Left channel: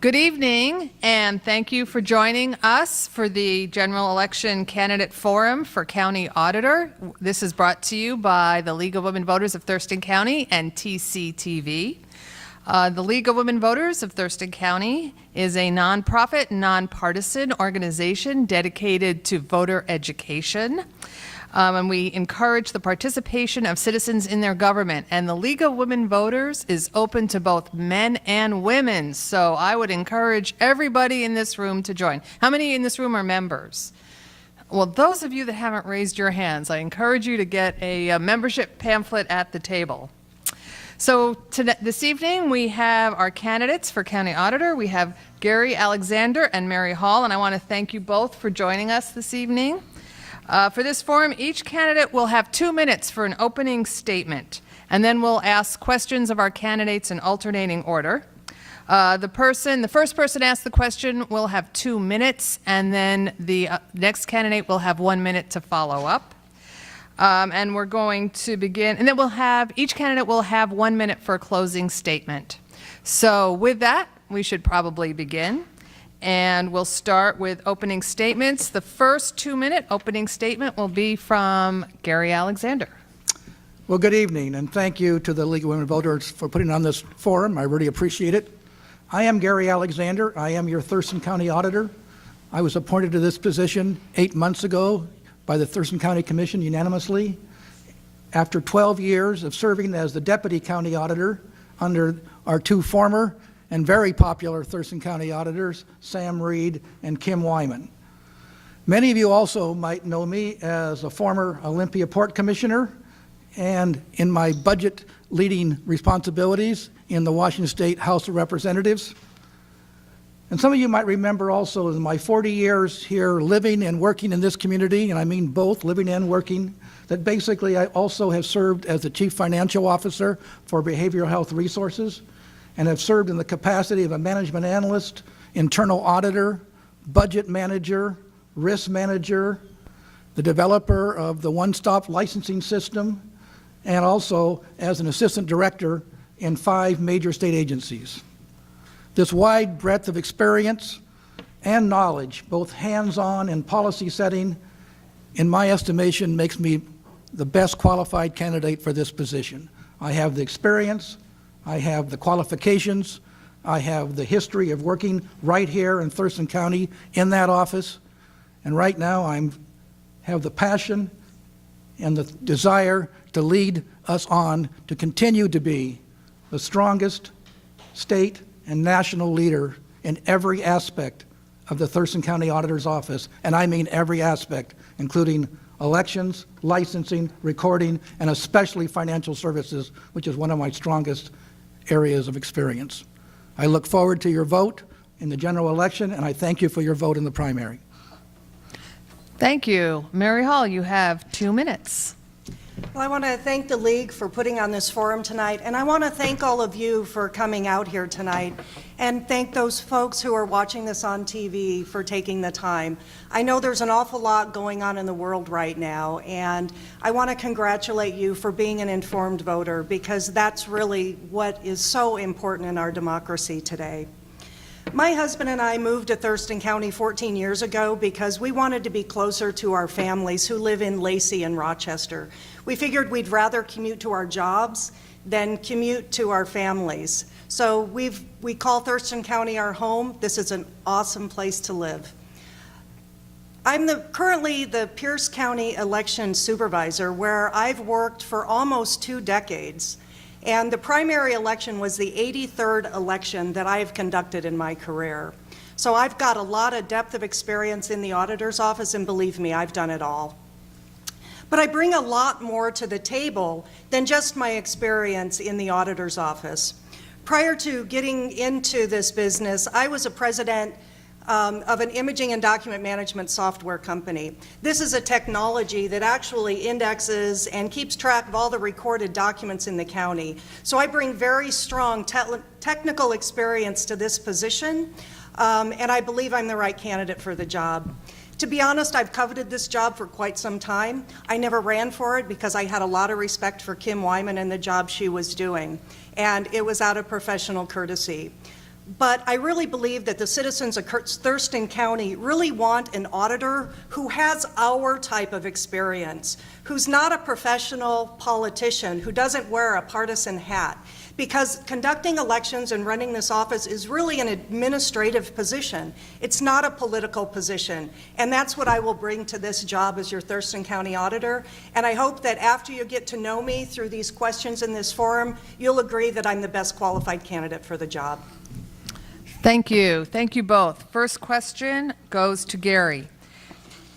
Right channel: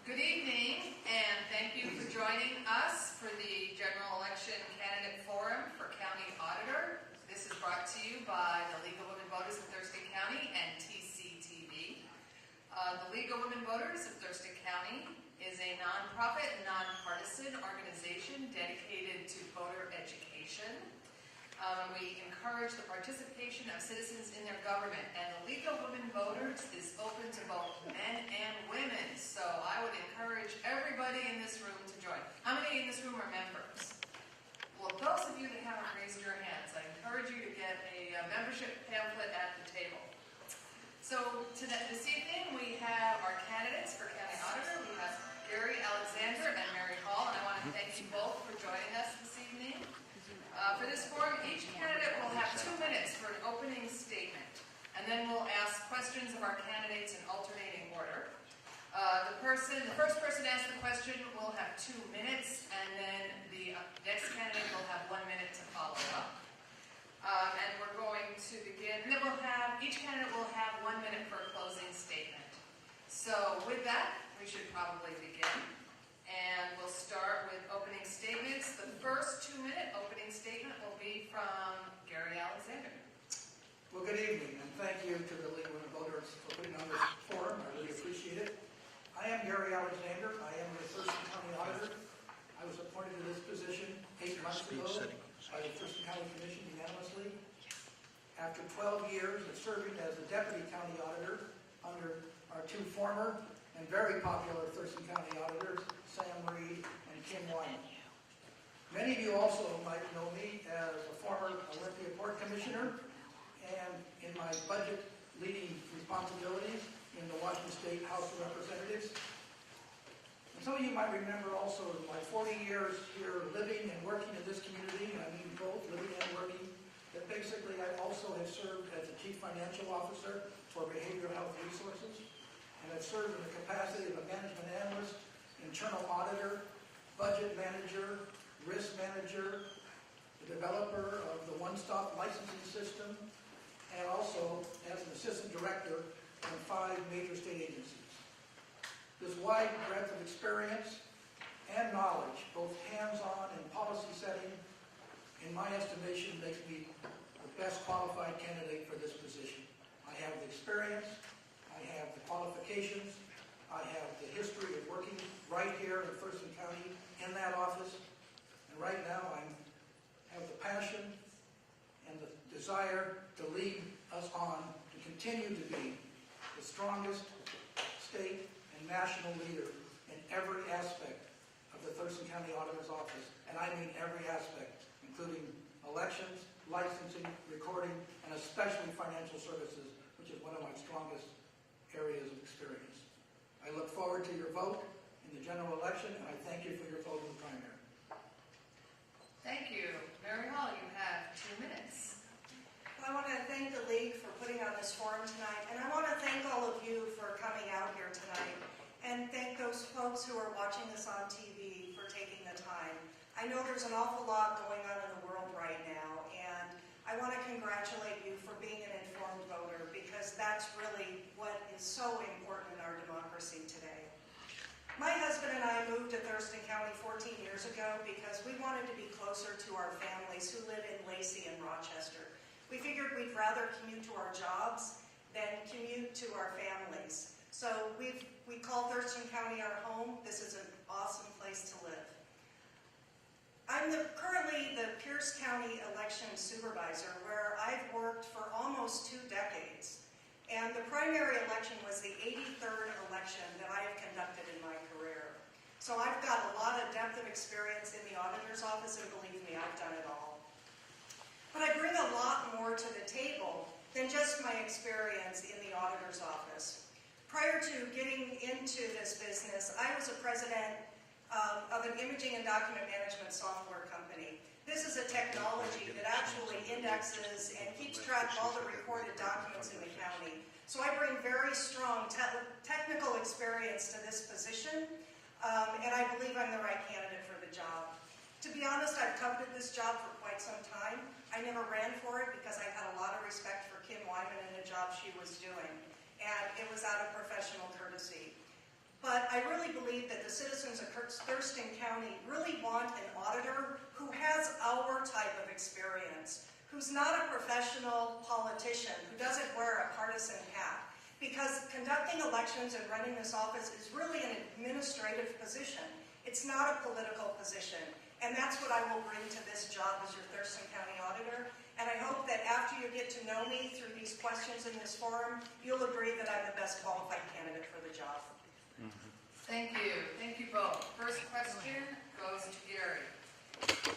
Good evening, and thank you for joining us for the General Election Candidate Forum for County Auditor. This is brought to you by the League of Women Voters of Thurston County and TCTV. The League of Women Voters of Thurston County is a nonprofit, nonpartisan organization dedicated to voter education. And we encourage the participation of citizens in their government. And the League of Women Voters is open to both men and women. So I would encourage everybody in this room to join. How many in this room are members? Well, those of you that haven't raised your hands, I encourage you to get a membership pamphlet at the table. So this evening we have our candidates for County Auditor. We have Gary Alexander and Mary Hall, and I want to thank you both for joining us this evening. For this forum, each candidate will have 2 minutes for an opening statement, and then we'll ask questions of our candidates in alternating order. The first person to ask the question will have 2 minutes, and then the next candidate will have 1 minute to follow up. And we're going to begin, and then each candidate will have 1 minute for a closing statement. So with that, we should probably begin. And we'll start with opening statements. The first 2-minute opening statement will be from Gary Alexander. Well, good evening, and thank you to the League of Women Voters for putting on this forum. I really appreciate it. I am Gary Alexander. I am your Thurston County Auditor. I was appointed to this position 8 months ago by the Thurston County Commission unanimously. After 12 years of serving as the Deputy County Auditor under our two former and very popular Thurston County auditors, Sam Reed and Kim Wyman. Many of you also might know me as a former Olympia Port Commissioner and in my budget leading responsibilities in the Washington State House of Representatives. And some of you might remember also in my 40 years here living and working in this community, and I mean both living and working, that basically I also have served as the Chief Financial Officer for Behavioral Health Resources, and have served in the capacity of a management analyst, internal auditor, budget manager, risk manager, the developer of the one-stop licensing system, and also as an assistant director in 5 major state agencies. This wide breadth of experience and knowledge, both hands-on and policy setting, in my estimation, makes me the best qualified candidate for this position. I have the experience, I have the qualifications, I have the history of working right here in Thurston County in that office, and right now I have the passion and the desire to lead us on to continue to be the strongest state and national leader in every aspect of the Thurston County Auditor's Office, and I mean every aspect, including elections, licensing, recording, and especially financial services, which is one of my strongest areas of experience. I look forward to your vote in the general election, and I thank you for your vote in the primary. Thank you. Mary Hall, you have 2 minutes. Well, I want to thank the League for putting on this forum tonight, and I want to thank all of you for coming out here tonight, and thank those folks who are watching this on TV for taking the time. I know there's an awful lot going on in the world right now, and I want to congratulate you for being an informed voter, because that's really what is so important in our democracy today. My husband and I moved to Thurston County 14 years ago because we wanted to be closer to our families who live in Lacey and Rochester. We figured we'd rather commute to our jobs than commute to our families. So we call Thurston County our home. This is an awesome place to live. I'm currently the Pierce County Election Supervisor, where I've worked for almost 2 decades. And the primary election was the 83rd election that I've conducted in my career. So I've got a lot of depth of experience in the auditor's office, and believe me, I've done it all. But I bring a lot more to the table than just my experience in the auditor's office. Prior to getting into this business, I was a president of an imaging and document management software company. This is a technology that actually indexes and keeps track of all the recorded documents in the county. So I bring very strong technical experience to this position, and I believe I'm the right candidate for the job. To be honest, I've coveted this job for quite some time. I never ran for it because I had a lot of respect for Kim Wyman and the job she was doing, and it was out of professional courtesy. But I really believe that the citizens of Thurston County really want an auditor who has our type of experience, who's not a professional politician, who doesn't wear a partisan hat. Because conducting elections and running this office is really an administrative position. It's not a political position. And that's what I will bring to this job as your Thurston County Auditor. And I hope that after you get to know me through these questions in this forum, you'll agree that I'm the best qualified candidate for the job. Thank you. Thank you both. First question goes to Gary.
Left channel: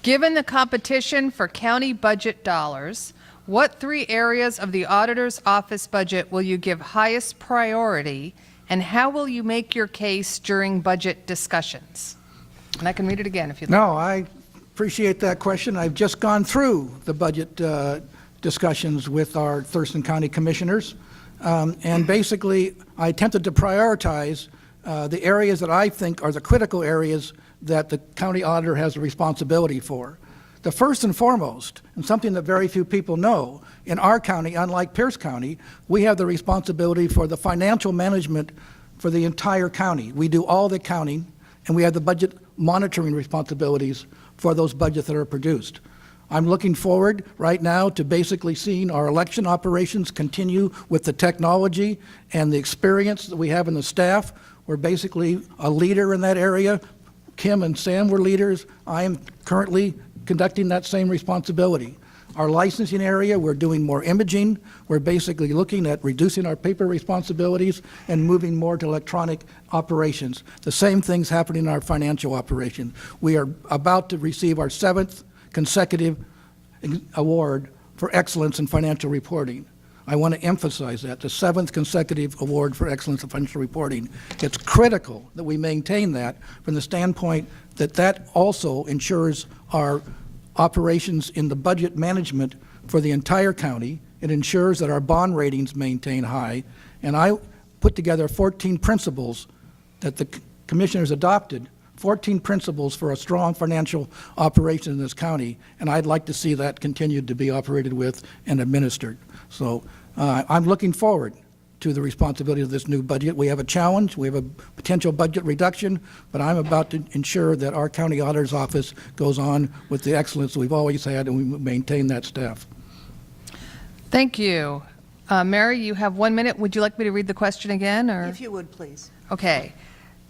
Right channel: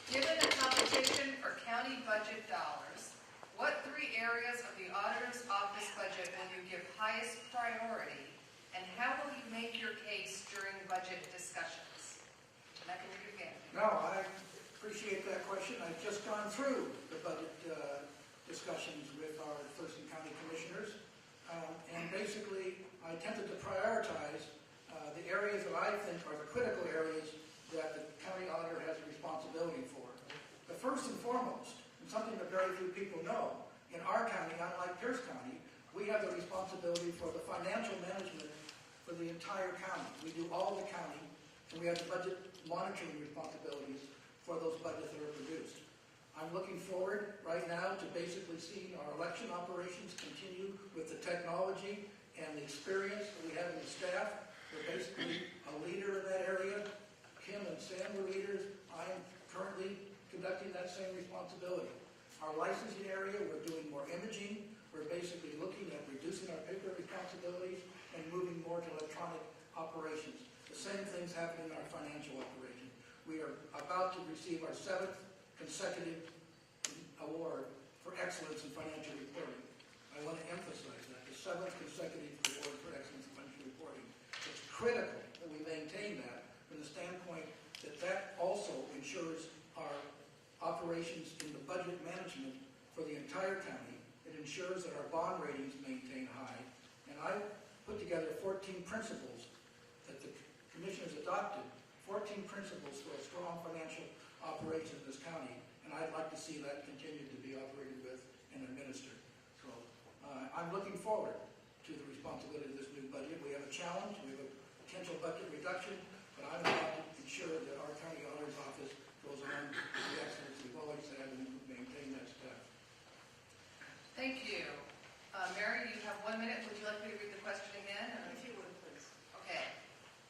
Given the competition for county budget dollars, what 3 areas of the auditor's office budget will you give highest priority, and how will you make your case during budget discussions? And I can read it again if you'd like. No, I appreciate that question. I've just gone through the budget discussions with our Thurston County commissioners, and basically I attempted to prioritize the areas that I think are the critical areas that the county auditor has a responsibility for. The first and foremost, and something that very few people know, in our county, unlike Pierce County, we have the responsibility for the financial management for the entire county. We do all the accounting, and we have the budget monitoring responsibilities for those budgets that are produced. I'm looking forward right now to basically seeing our election operations continue with the technology and the experience that we have in the staff. We're basically a leader in that area. Kim and Sam were leaders. I am currently conducting that same responsibility. Our licensing area, we're doing more imaging. We're basically looking at reducing our paper responsibilities and moving more to electronic operations. The same thing's happening in our financial operation. We are about to receive our 7th consecutive award for excellence in financial reporting. I want to emphasize that, the 7th consecutive award for excellence in financial reporting. It's critical that we maintain that from the standpoint that that also ensures our operations in the budget management for the entire county. It ensures that our bond ratings maintain high. And I put together 14 principles that the commissioners adopted, 14 principles for a strong financial operation in this county. And I'd like to see that continued to be operated with and administered. So I'm looking forward to the responsibility of this new budget. We have a challenge. We have a potential budget reduction, but I'm about to ensure that our county auditor's office goes on with the excellence we've always had, and we maintain that staff. Thank you. Mary, you have 1 minute. Would you like me to read the question again? Or? If you would, please. Okay.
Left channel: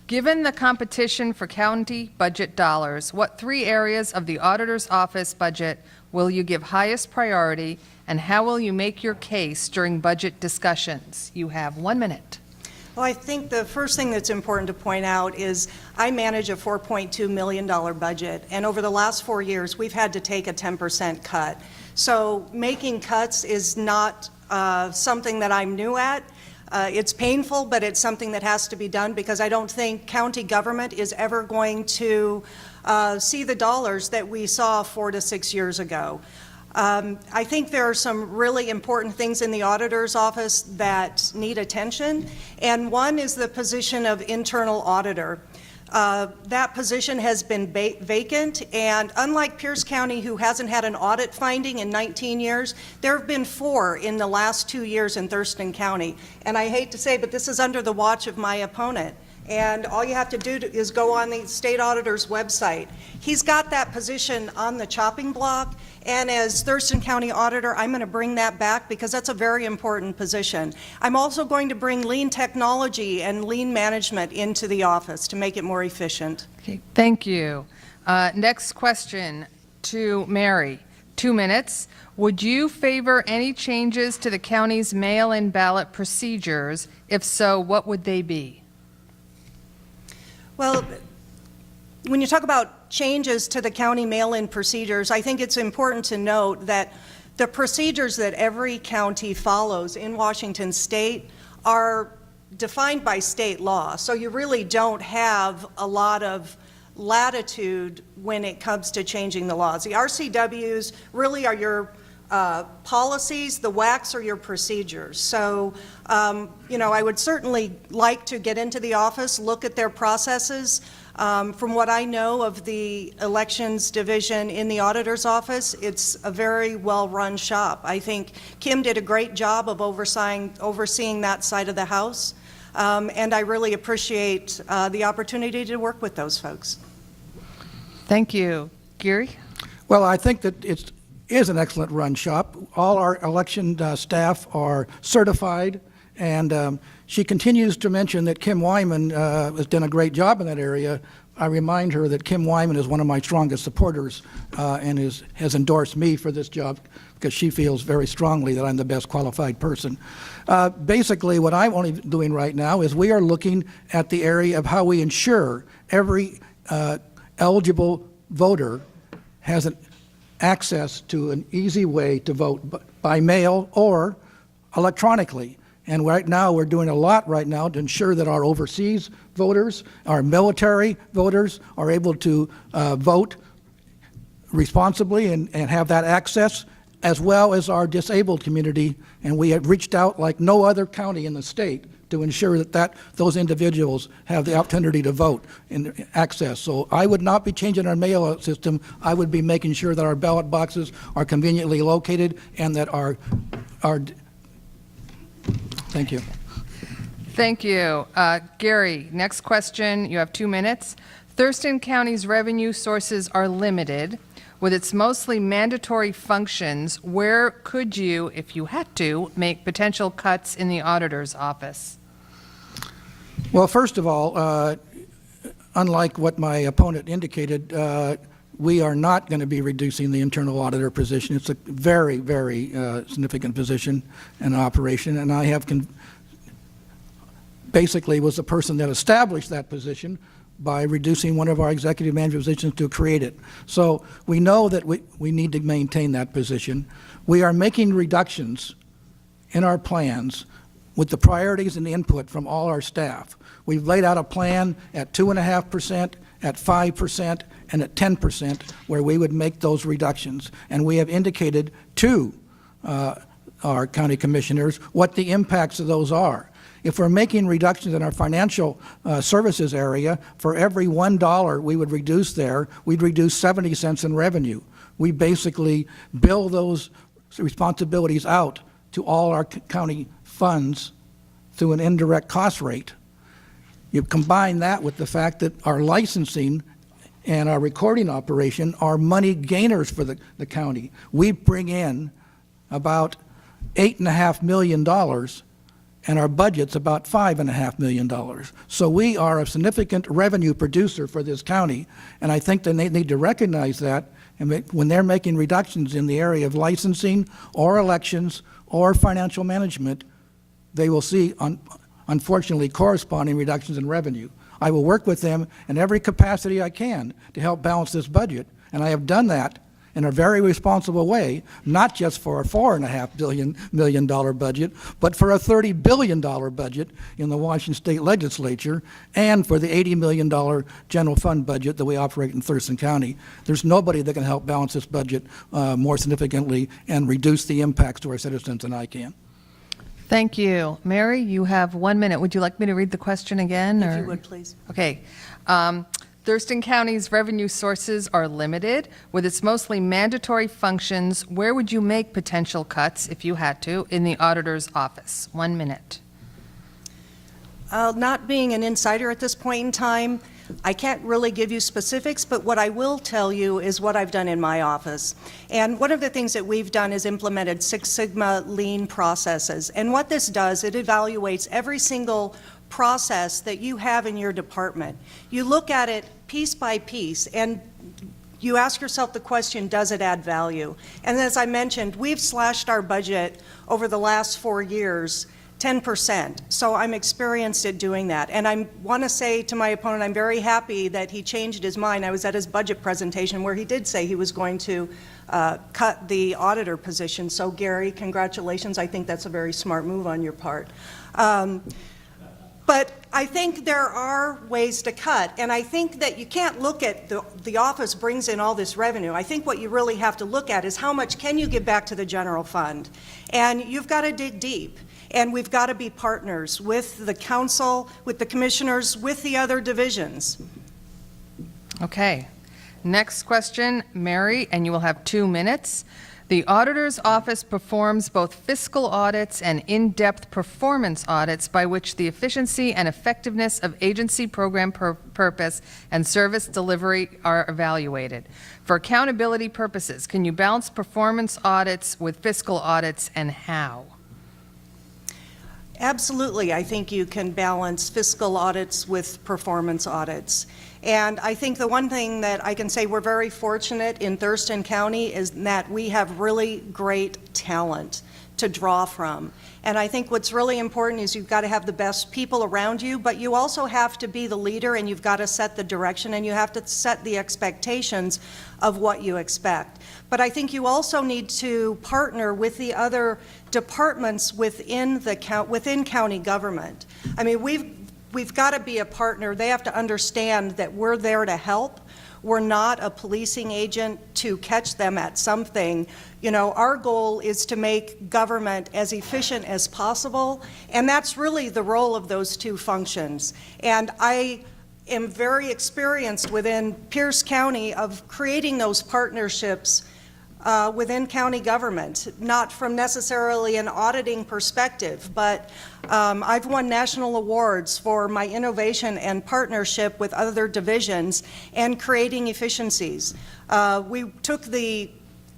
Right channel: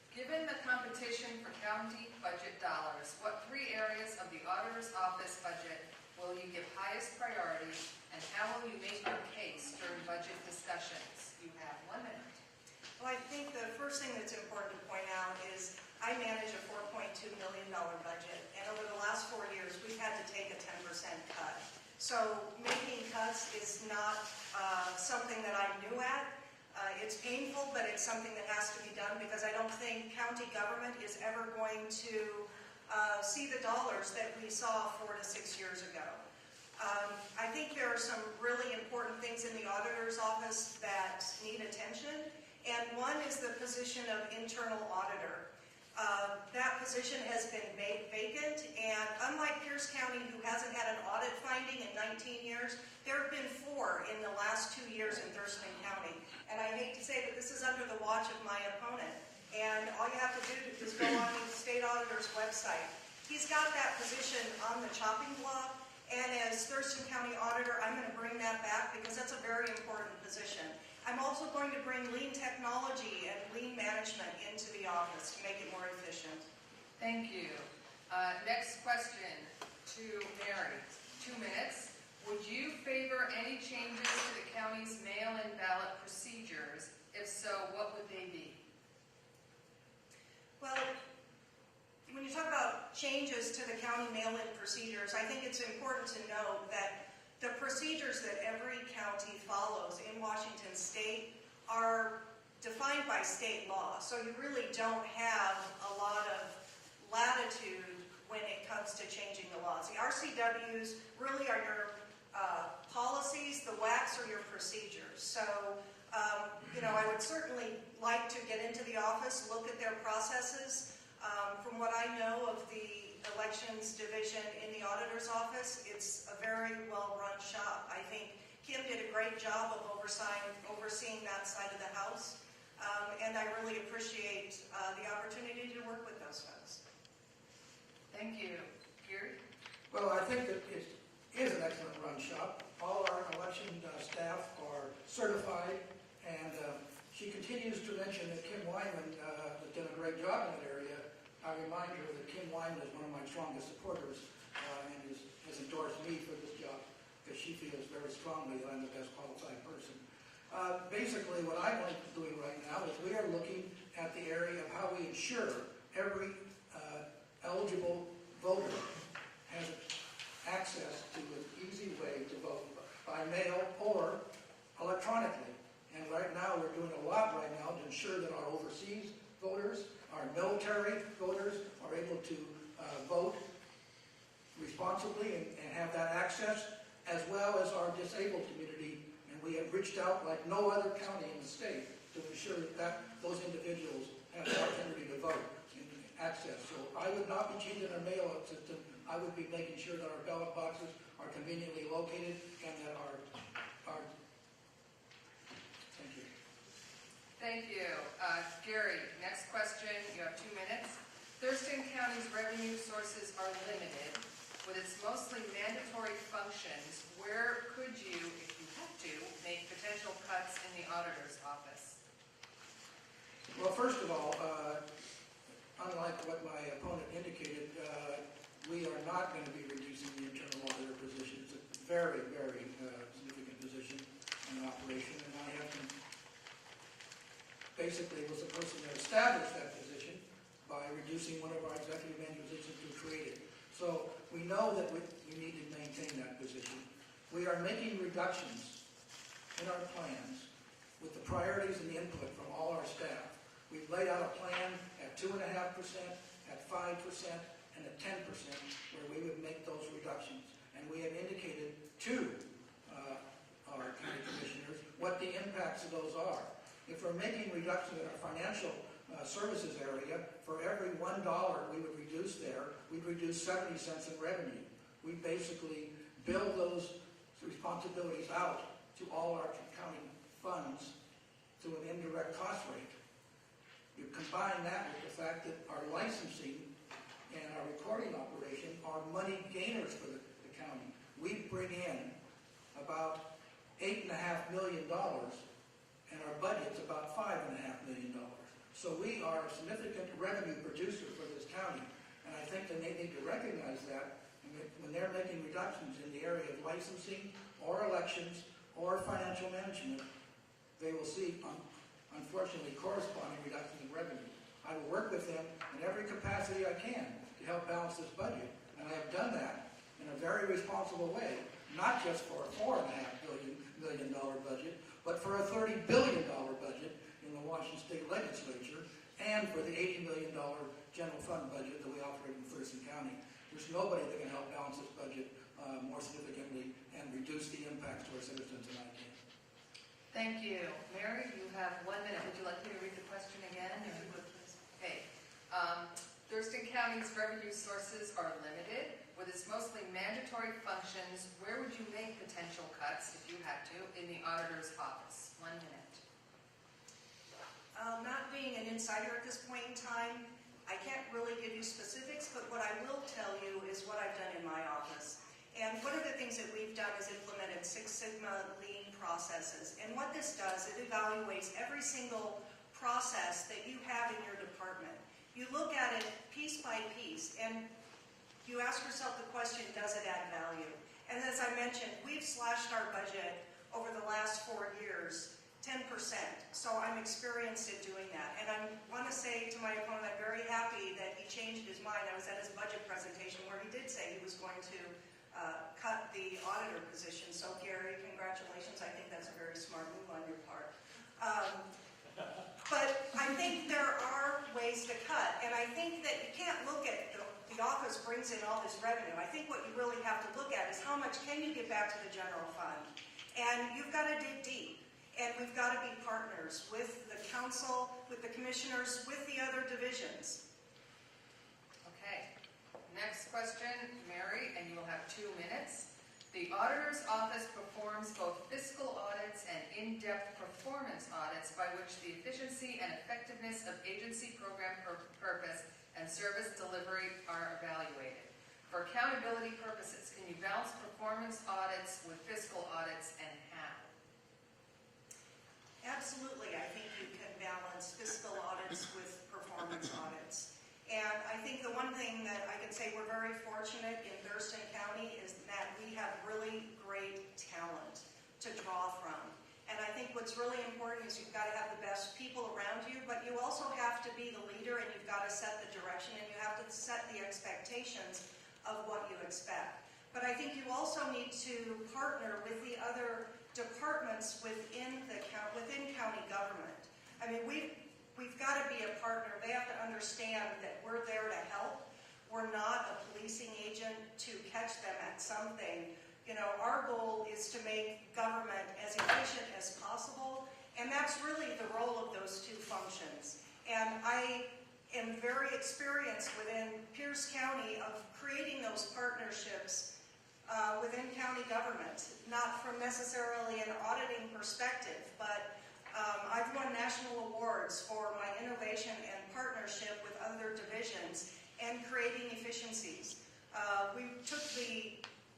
Given the competition for county budget dollars, what 3 areas of the auditor's office budget will you give highest priority, and how will you make your case during budget discussions? You have 1 minute. Well, I think the first thing that's important to point out is I manage a $4.2 million budget, and over the last 4 years, we've had to take a 10% cut. So making cuts is not something that I'm new at. It's painful, but it's something that has to be done because I don't think county government is ever going to see the dollars that we saw 4 to 6 years ago. I think there are some really important things in the auditor's office that need attention, and one is the position of internal auditor. That position has been vacant, and unlike Pierce County, who hasn't had an audit finding in 19 years, there have been 4 in the last 2 years in Thurston County. And I hate to say, but this is under the watch of my opponent. And all you have to do is go on the state auditor's website. He's got that position on the chopping block. And as Thurston County Auditor, I'm going to bring that back because that's a very important position. I'm also going to bring lean technology and lean management into the office to make it more efficient. Okay, thank you. Next question to Mary. 2 minutes. Would you favor any changes to the county's mail-in ballot procedures? If so, what would they be? Well, when you talk about changes to the county mail-in procedures, I think it's important to note that the procedures that every county follows in Washington state are defined by state law. So you really don't have a lot of latitude when it comes to changing the laws. The RCWs really are your policies, the WACs are your procedures. So, you know, I would certainly like to get into the office, look at their processes. From what I know of the elections division in the auditor's office, it's a very well-run shop. I think Kim did a great job of overseeing that side of the house. And I really appreciate the opportunity to work with those folks. Thank you. Gary? Well, I think that it is an excellent run shop. All our election staff are certified, and she continues to mention that Kim Wyman has done a great job in that area. I remind her that Kim Wyman is one of my strongest supporters and has endorsed me for this job because she feels very strongly that I'm the best qualified person. Basically, what I'm only doing right now is we are looking at the area of how we ensure every eligible voter has an access to an easy way to vote by mail or electronically. And right now, we're doing a lot right now to ensure that our overseas voters, our military voters are able to vote responsibly and have that access, as well as our disabled community. And we have reached out like no other county in the state to ensure that those individuals have the opportunity to vote and access. So I would not be changing our mail system. I would be making sure that our ballot boxes are conveniently located and that our thank you. Thank you. Gary, next question. You have 2 minutes. Thurston County's revenue sources are limited. With its mostly mandatory functions, where could you, if you had to, make potential cuts in the auditor's office? Well, first of all, unlike what my opponent indicated, we are not going to be reducing the internal auditor position. It's a very, very significant position and operation, and I have basically was the person that established that position by reducing one of our executive management positions to create it. So we know that we need to maintain that position. We are making reductions in our plans with the priorities and input from all our staff. We've laid out a plan at 2.5%, at 5%, and at 10% where we would make those reductions. And we have indicated to our county commissioners what the impacts of those are. If we're making reductions in our financial services area, for every $1 we would reduce there, we'd reduce 70 cents in revenue. We basically bill those responsibilities out to all our county funds through an indirect cost rate. You combine that with the fact that our licensing and our recording operation are money gainers for the county. We bring in about $8.5 million, and our budget's about $5.5 million. So we are a significant revenue producer for this county, and I think that they need to recognize that. And when they're making reductions in the area of licensing or elections or financial management, they will see, unfortunately, corresponding reductions in revenue. I will work with them in every capacity I can to help balance this budget, and I have done that in a very responsible way, not just for a $4.5 million budget, but for a $30 billion budget in the Washington State Legislature and for the $80 million general fund budget that we operate in Thurston County. There's nobody that can help balance this budget more significantly and reduce the impacts to our citizens than I can. Thank you. Mary, you have 1 minute. Would you like me to read the question again? If you would, please. Okay. Thurston County's revenue sources are limited. With its mostly mandatory functions, where would you make potential cuts, if you had to, in the auditor's office? 1 minute. Not being an insider at this point in time, I can't really give you specifics, but what I will tell you is what I've done in my office. And one of the things that we've done is implemented Six Sigma lean processes. And what this does, it evaluates every single process that you have in your department. You look at it piece by piece, and you ask yourself the question, does it add value? And as I mentioned, we've slashed our budget over the last 4 years 10%. So I'm experienced at doing that. And I want to say to my opponent, I'm very happy that he changed his mind. I was at his budget presentation where he did say he was going to cut the auditor position. So Gary, congratulations. I think that's a very smart move on your part. But I think there are ways to cut, and I think that you can't look at the office brings in all this revenue. I think what you really have to look at is how much can you give back to the general fund. And you've got to dig deep, and we've got to be partners with the council, with the commissioners, with the other divisions. Okay. Next question, Mary, and you will have 2 minutes. The auditor's office performs both fiscal audits and in-depth performance audits by which the efficiency and effectiveness of agency program purpose and service delivery are evaluated. For accountability purposes, can you balance performance audits with fiscal audits, and how? Absolutely, I think you can balance fiscal audits with performance audits. And I think the one thing that I can say we're very fortunate in Thurston County is that we have really great talent to draw from. And I think what's really important is you've got to have the best people around you, but you also have to be the leader, and you've got to set the direction, and you have to set the expectations of what you expect. But I think you also need to partner with the other departments within county government. I mean, we've got to be a partner. They have to understand that we're there to help. We're not a policing agent to catch them at something. You know, our goal is to make government as efficient as possible, and that's really the role of those two functions. And I am very experienced within Pierce County of creating those partnerships within county government, not from necessarily an auditing perspective, but I've won national awards for my innovation and partnership with other divisions and creating efficiencies. We took the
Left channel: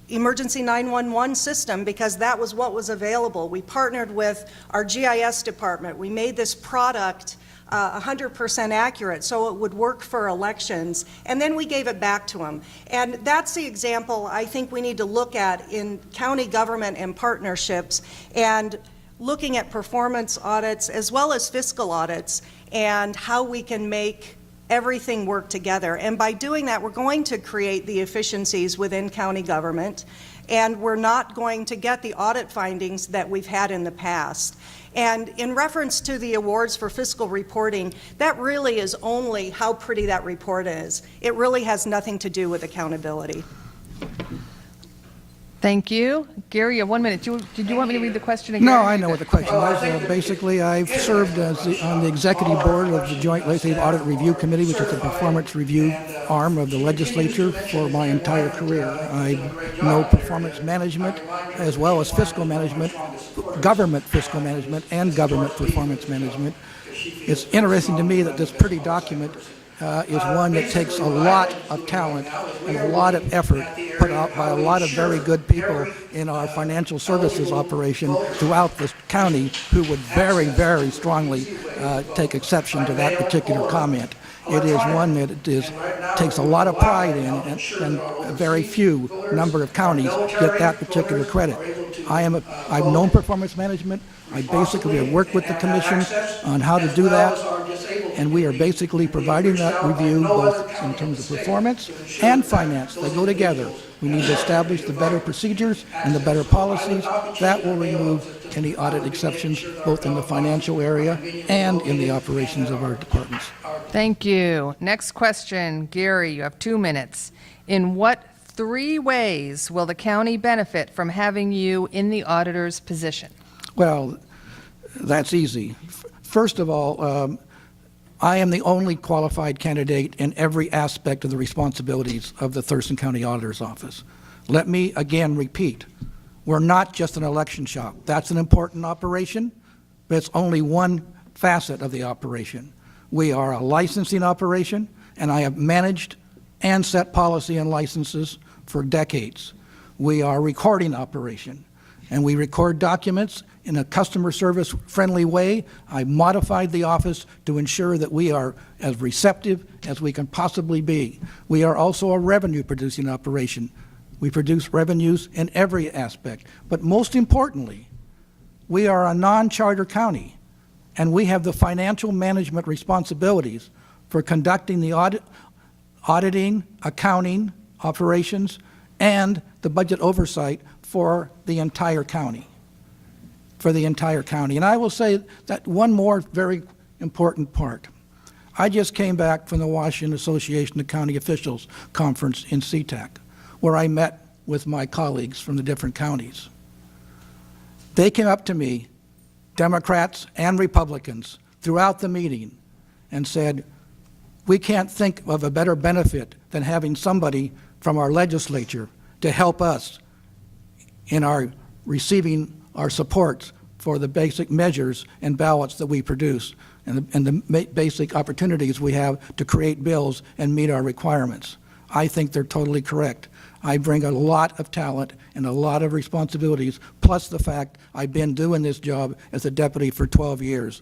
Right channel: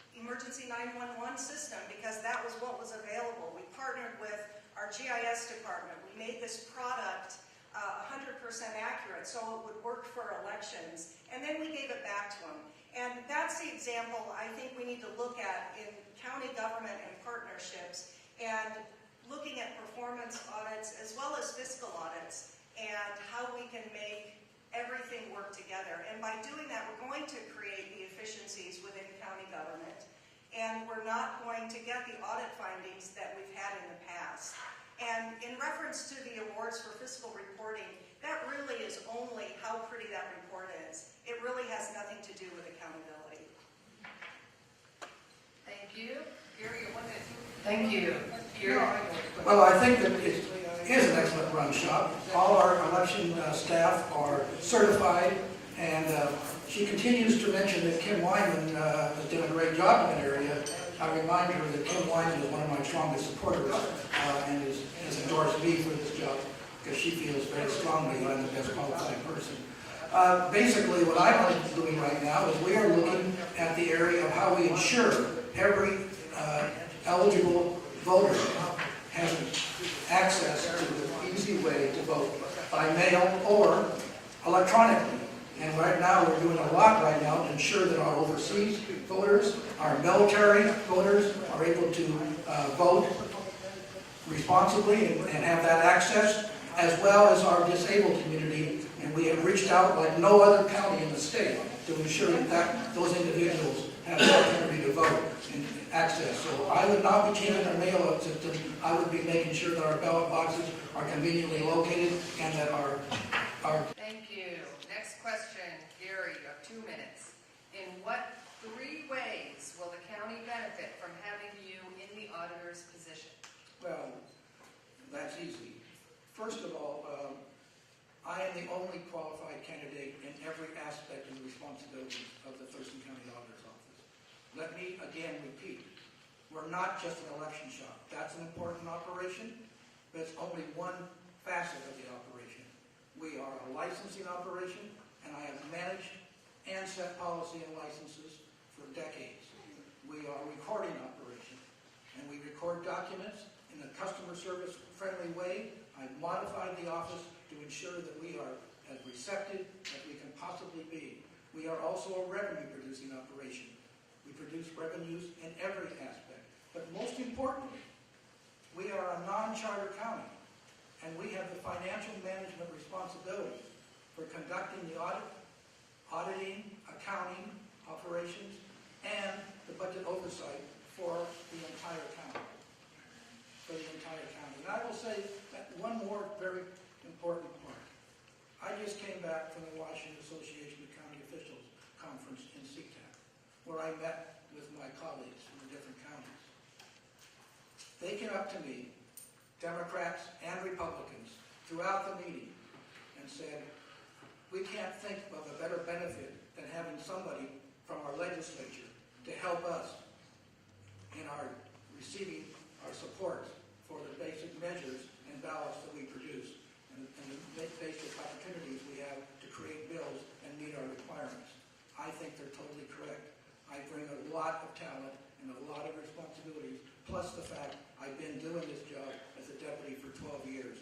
emergency 911 system because that was what was available. We partnered with our GIS department. We made this product 100% accurate so it would work for elections, and then we gave it back to them. And that's the example I think we need to look at in county government and partnerships, and looking at performance audits as well as fiscal audits and how we can make everything work together. And by doing that, we're going to create the efficiencies within county government, and we're not going to get the audit findings that we've had in the past. And in reference to the awards for fiscal reporting, that really is only how pretty that report is. It really has nothing to do with accountability. Thank you. Gary, you have 1 minute. Did you want me to read the question again? No, I know what the question is. Basically, I've served on the executive board of the Joint Legislative Audit Review Committee, which is the performance review arm of the legislature, for my entire career. I know performance management as well as fiscal management, government fiscal management, and government performance management. It's interesting to me that this pretty document is one that takes a lot of talent and a lot of effort put out by a lot of very good people in our financial services operation throughout the county who would very, very strongly take exception to that particular comment. It is one that takes a lot of pride in, and a very few number of counties get that particular credit. I've known performance management. I basically have worked with the commission on how to do that, and we are basically providing that review both in terms of performance and finance. They go together. We need to establish the better procedures and the better policies. That will remove any audit exceptions both in the financial area and in the operations of our departments. Thank you. Next question, Gary, you have 2 minutes. In what 3 ways will the county benefit from having you in the auditor's position? Well, that's easy. First of all, I am the only qualified candidate in every aspect of the responsibilities of the Thurston County Auditor's Office. Let me again repeat, we're not just an election shop. That's an important operation, but it's only one facet of the operation. We are a licensing operation, and I have managed and set policy and licenses for decades. We are a recording operation, and we record documents in a customer service friendly way. I modified the office to ensure that we are as receptive as we can possibly be. We are also a revenue producing operation. We produce revenues in every aspect. But most importantly, we are a non-charter county, and we have the financial management responsibilities for conducting the auditing, accounting, operations, and the budget oversight for the entire county. And I will say that one more very important part. I just came back from the Washington Association of County Officials Conference in SeaTac, where I met with my colleagues from the different counties. They came up to me, Democrats and Republicans, throughout the meeting and said, we can't think of a better benefit than having somebody from our legislature to help us in our receiving our supports for the basic measures and ballots that we produce and the basic opportunities we have to create bills and meet our requirements. I think they're totally correct. I bring a lot of talent and a lot of responsibilities, plus the fact I've been doing this job as a deputy for 12 years.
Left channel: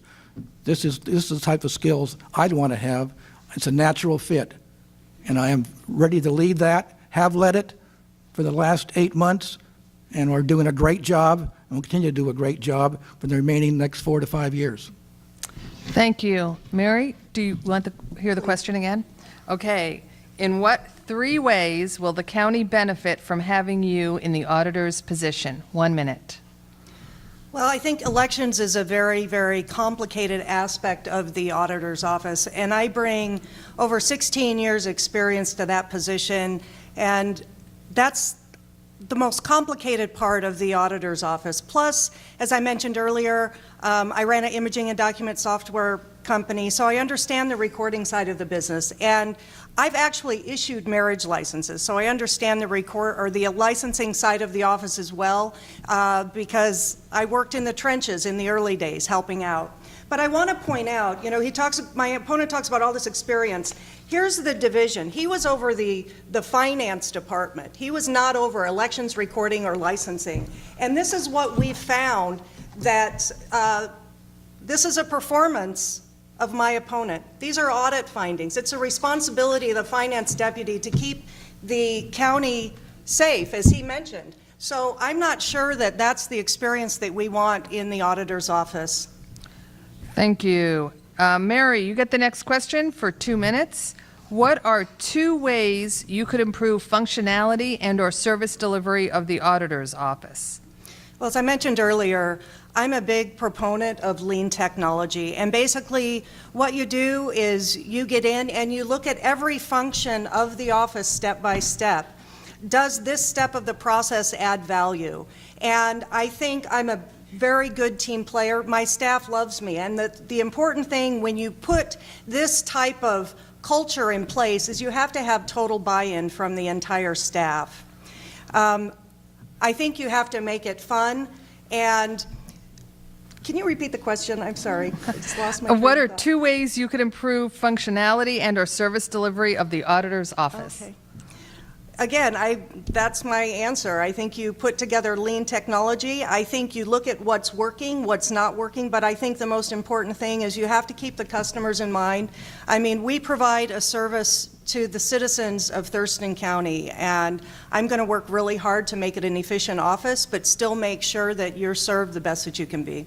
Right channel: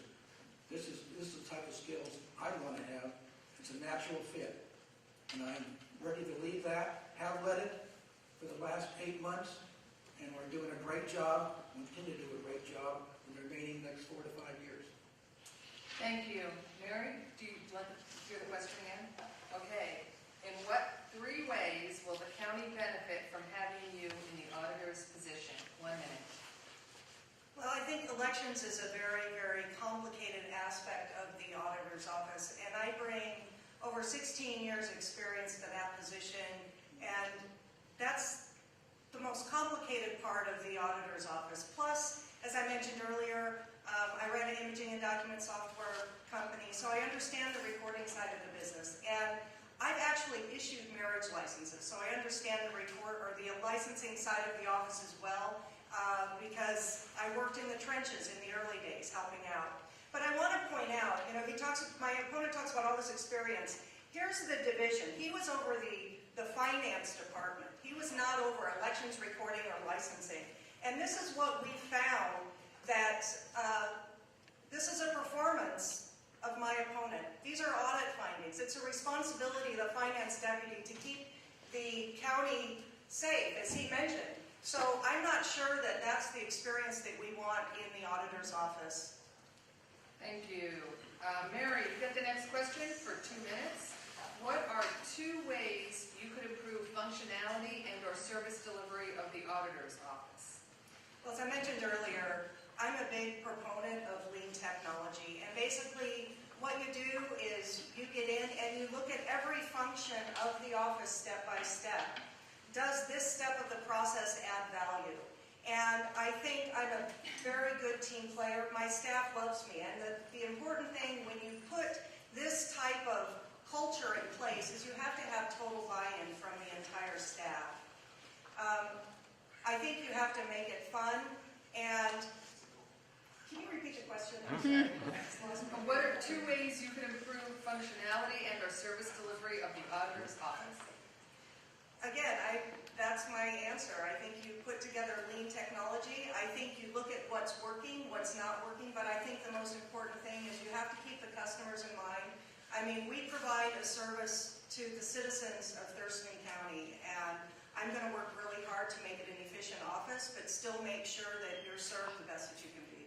This is the type of skills I'd want to have. It's a natural fit, and I am ready to lead that, have led it for the last 8 months, and we're doing a great job, and we'll continue to do a great job for the remaining next 4 to 5 years. Thank you. Mary, do you want to hear the question again? Okay. In what 3 ways will the county benefit from having you in the auditor's position? 1 minute. Well, I think elections is a very, very complicated aspect of the auditor's office, and I bring over 16 years' experience to that position, and that's the most complicated part of the auditor's office. Plus, as I mentioned earlier, I ran an imaging and document software company, so I understand the recording side of the business. And I've actually issued marriage licenses, so I understand the licensing side of the office as well, because I worked in the trenches in the early days helping out. But I want to point out, you know, my opponent talks about all this experience. Here's the division. He was over the finance department. He was not over elections, recording, or licensing. And this is what we found, that this is a performance of my opponent. These are audit findings. It's a responsibility of the finance deputy to keep the county safe, as he mentioned. So I'm not sure that that's the experience that we want in the auditor's office. Thank you. Mary, you get the next question for 2 minutes. What are 2 ways you could improve functionality and/or service delivery of the auditor's office? Well, as I mentioned earlier, I'm a big proponent of lean technology, and basically what you do is you get in and you look at every function of the office step by step. Does this step of the process add value? And I think I'm a very good team player. My staff loves me, and the important thing when you put this type of culture in place is you have to have total buy-in from the entire staff. I think you have to make it fun. And can you repeat the question? I'm sorry. I just lost my What are train of thought. 2 ways you could improve functionality and/or service delivery of the auditor's office? Okay. Again, that's my answer. I think you put together lean technology. I think you look at what's working, what's not working, but I think the most important thing is you have to keep the customers in mind. I mean, we provide a service to the citizens of Thurston County, and I'm going to work really hard to make it an efficient office, but still make sure that you're served the best that you can be.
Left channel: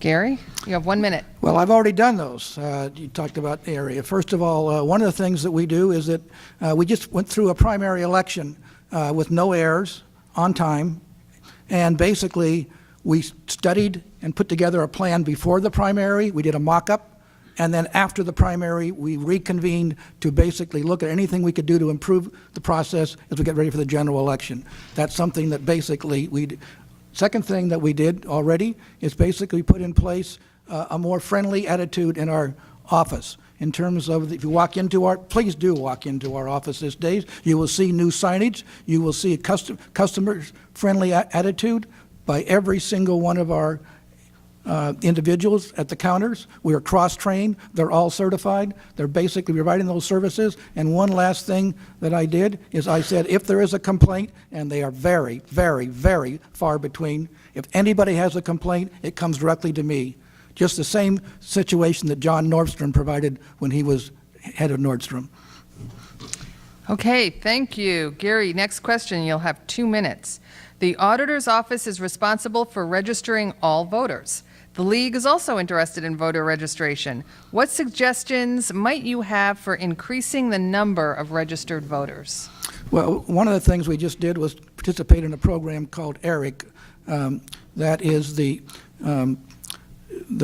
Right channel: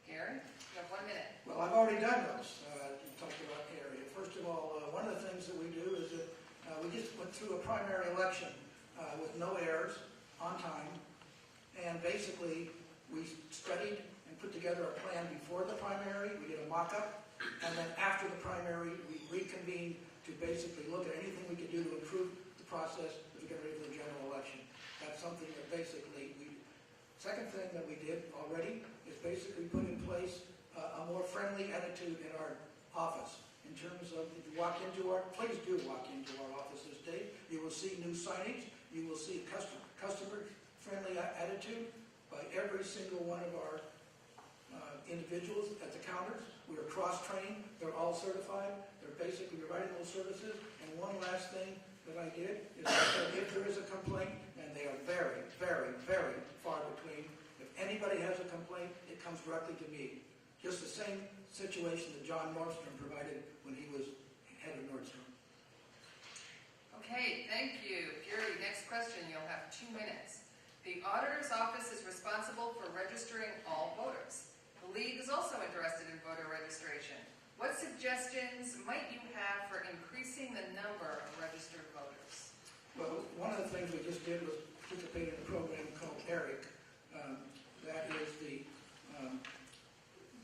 Gary, you have 1 minute. Well, I've already done those. You talked about the area. First of all, one of the things that we do is that we just went through a primary election with no errors, on time, and basically we studied and put together a plan before the primary. We did a mock-up, and then after the primary, we reconvened to basically look at anything we could do to improve the process as we get ready for the general election. That's something that basically we. Second thing that we did already is basically put in place a more friendly attitude in our office. In terms of, if you walk into please do walk into our office these days. You will see new signage. You will see a customer-friendly attitude by every single one of our individuals at the counters. We are cross-trained. They're all certified. They're basically providing those services. And one last thing that I did is I said, if there is a complaint, and they are very, very, very far between, if anybody has a complaint, it comes directly to me. Just the same situation that John Nordstrom provided when he was head of Nordstrom. Okay, thank you. Gary, next question. You'll have 2 minutes. The auditor's office is responsible for registering all voters. The League is also interested in voter registration. What suggestions might you have for increasing the number of registered voters? Well, one of the things we just did was participate in a program called ERIC. That is the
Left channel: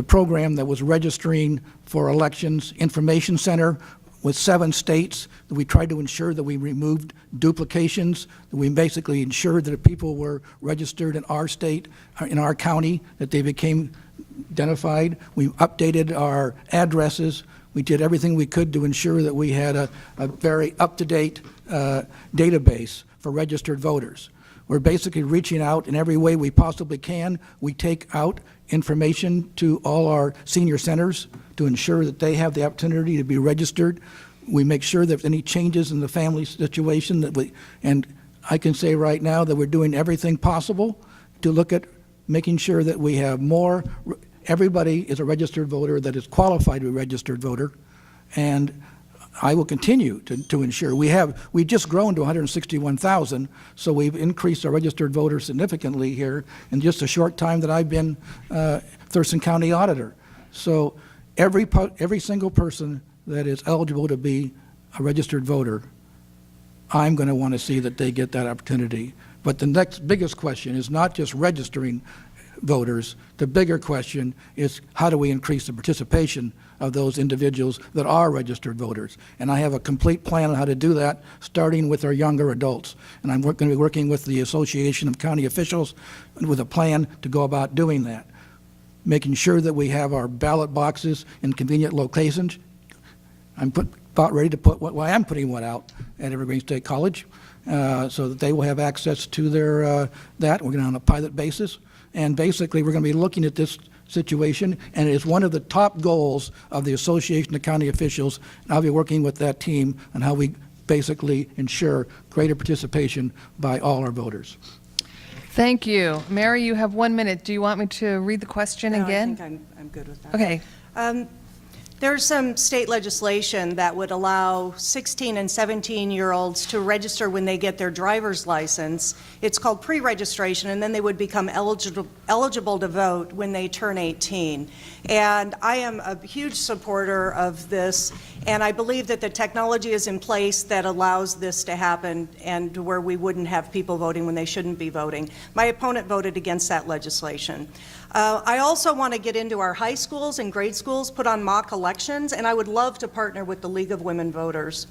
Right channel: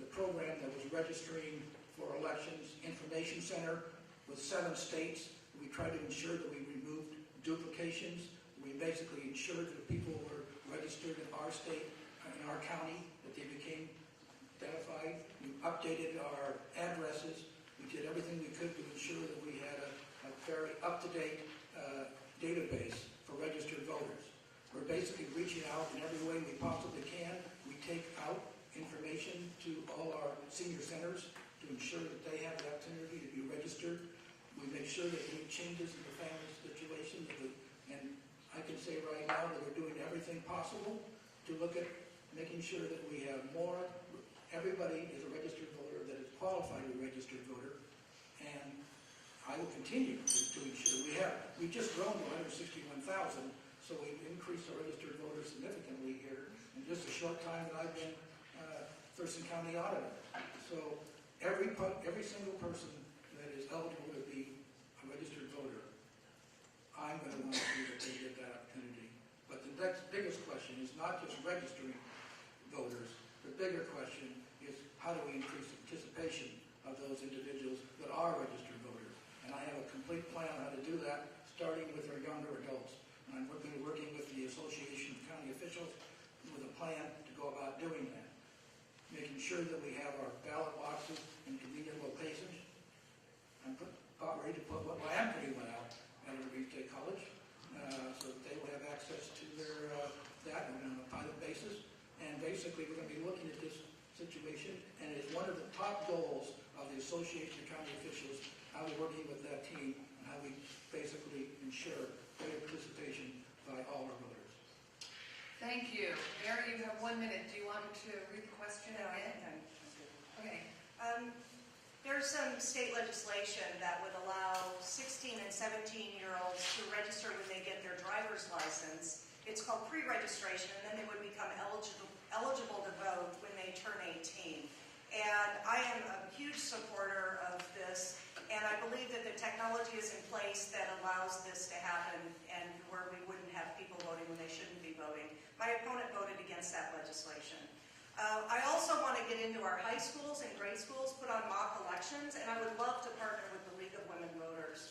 program that was registering for elections information center with 7 states. We tried to ensure that we removed duplications, that we basically ensured that if people were registered in our state, in our county, that they became identified. We updated our addresses. We did everything we could to ensure that we had a very up-to-date database for registered voters. We're basically reaching out in every way we possibly can. We take out information to all our senior centers to ensure that they have the opportunity to be registered. We make sure that if any changes in the family situation and I can say right now that we're doing everything possible to look at making sure that we have more, everybody is a registered voter that is qualified to be a registered voter, and I will continue to ensure. We've just grown to 161,000, so we've increased our registered voters significantly here in just a short time that I've been Thurston County Auditor. So every single person that is eligible to be a registered voter, I'm going to want to see that they get that opportunity. But the next biggest question is not just registering voters. The bigger question is how do we increase the participation of those individuals that are registered voters. And I have a complete plan on how to do that, starting with our younger adults. And I'm going to be working with the Association of County Officials with a plan to go about doing that, making sure that we have our ballot boxes in convenient locations. I'm about ready to put, I am putting one out at Evergreen State College so that they will have access to their, that. We're going to on a pilot basis. And basically, we're going to be looking at this situation, and it is one of the top goals of the Association of County Officials, and I'll be working with that team on how we basically ensure greater participation by all our voters. Thank you. Mary, you have 1 minute. Do you want me to read the question again? I think I'm good with that. Okay. There's some state legislation that would allow 16 and 17-year-olds to register when they get their driver's license. It's called pre-registration, and then they would become eligible to vote when they turn 18. And I am a huge supporter of this, and I believe that the technology is in place that allows this to happen and where we wouldn't have people voting when they shouldn't be voting. My opponent voted against that legislation. I also want to get into our high schools and grade schools, put on mock elections, and I would love to partner with the League of Women Voters.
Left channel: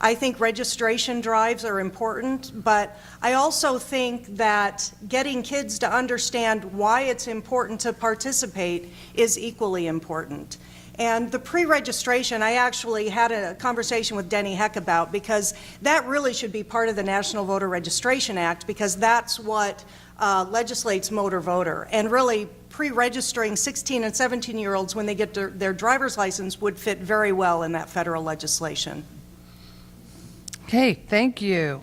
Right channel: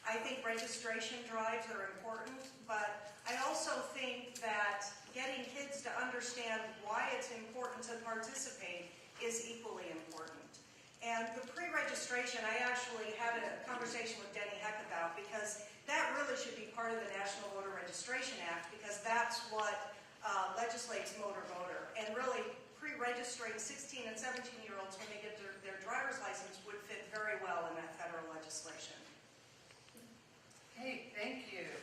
I think registration drives are important, but I also think that getting kids to understand why it's important to participate is equally important. And the pre-registration, I actually had a conversation with Denny Heck about, because that really should be part of the National Voter Registration Act, because that's what legislates motor voter. And really, pre-registering 16 and 17-year-olds when they get their driver's license would fit very well in that federal legislation. Okay, thank you.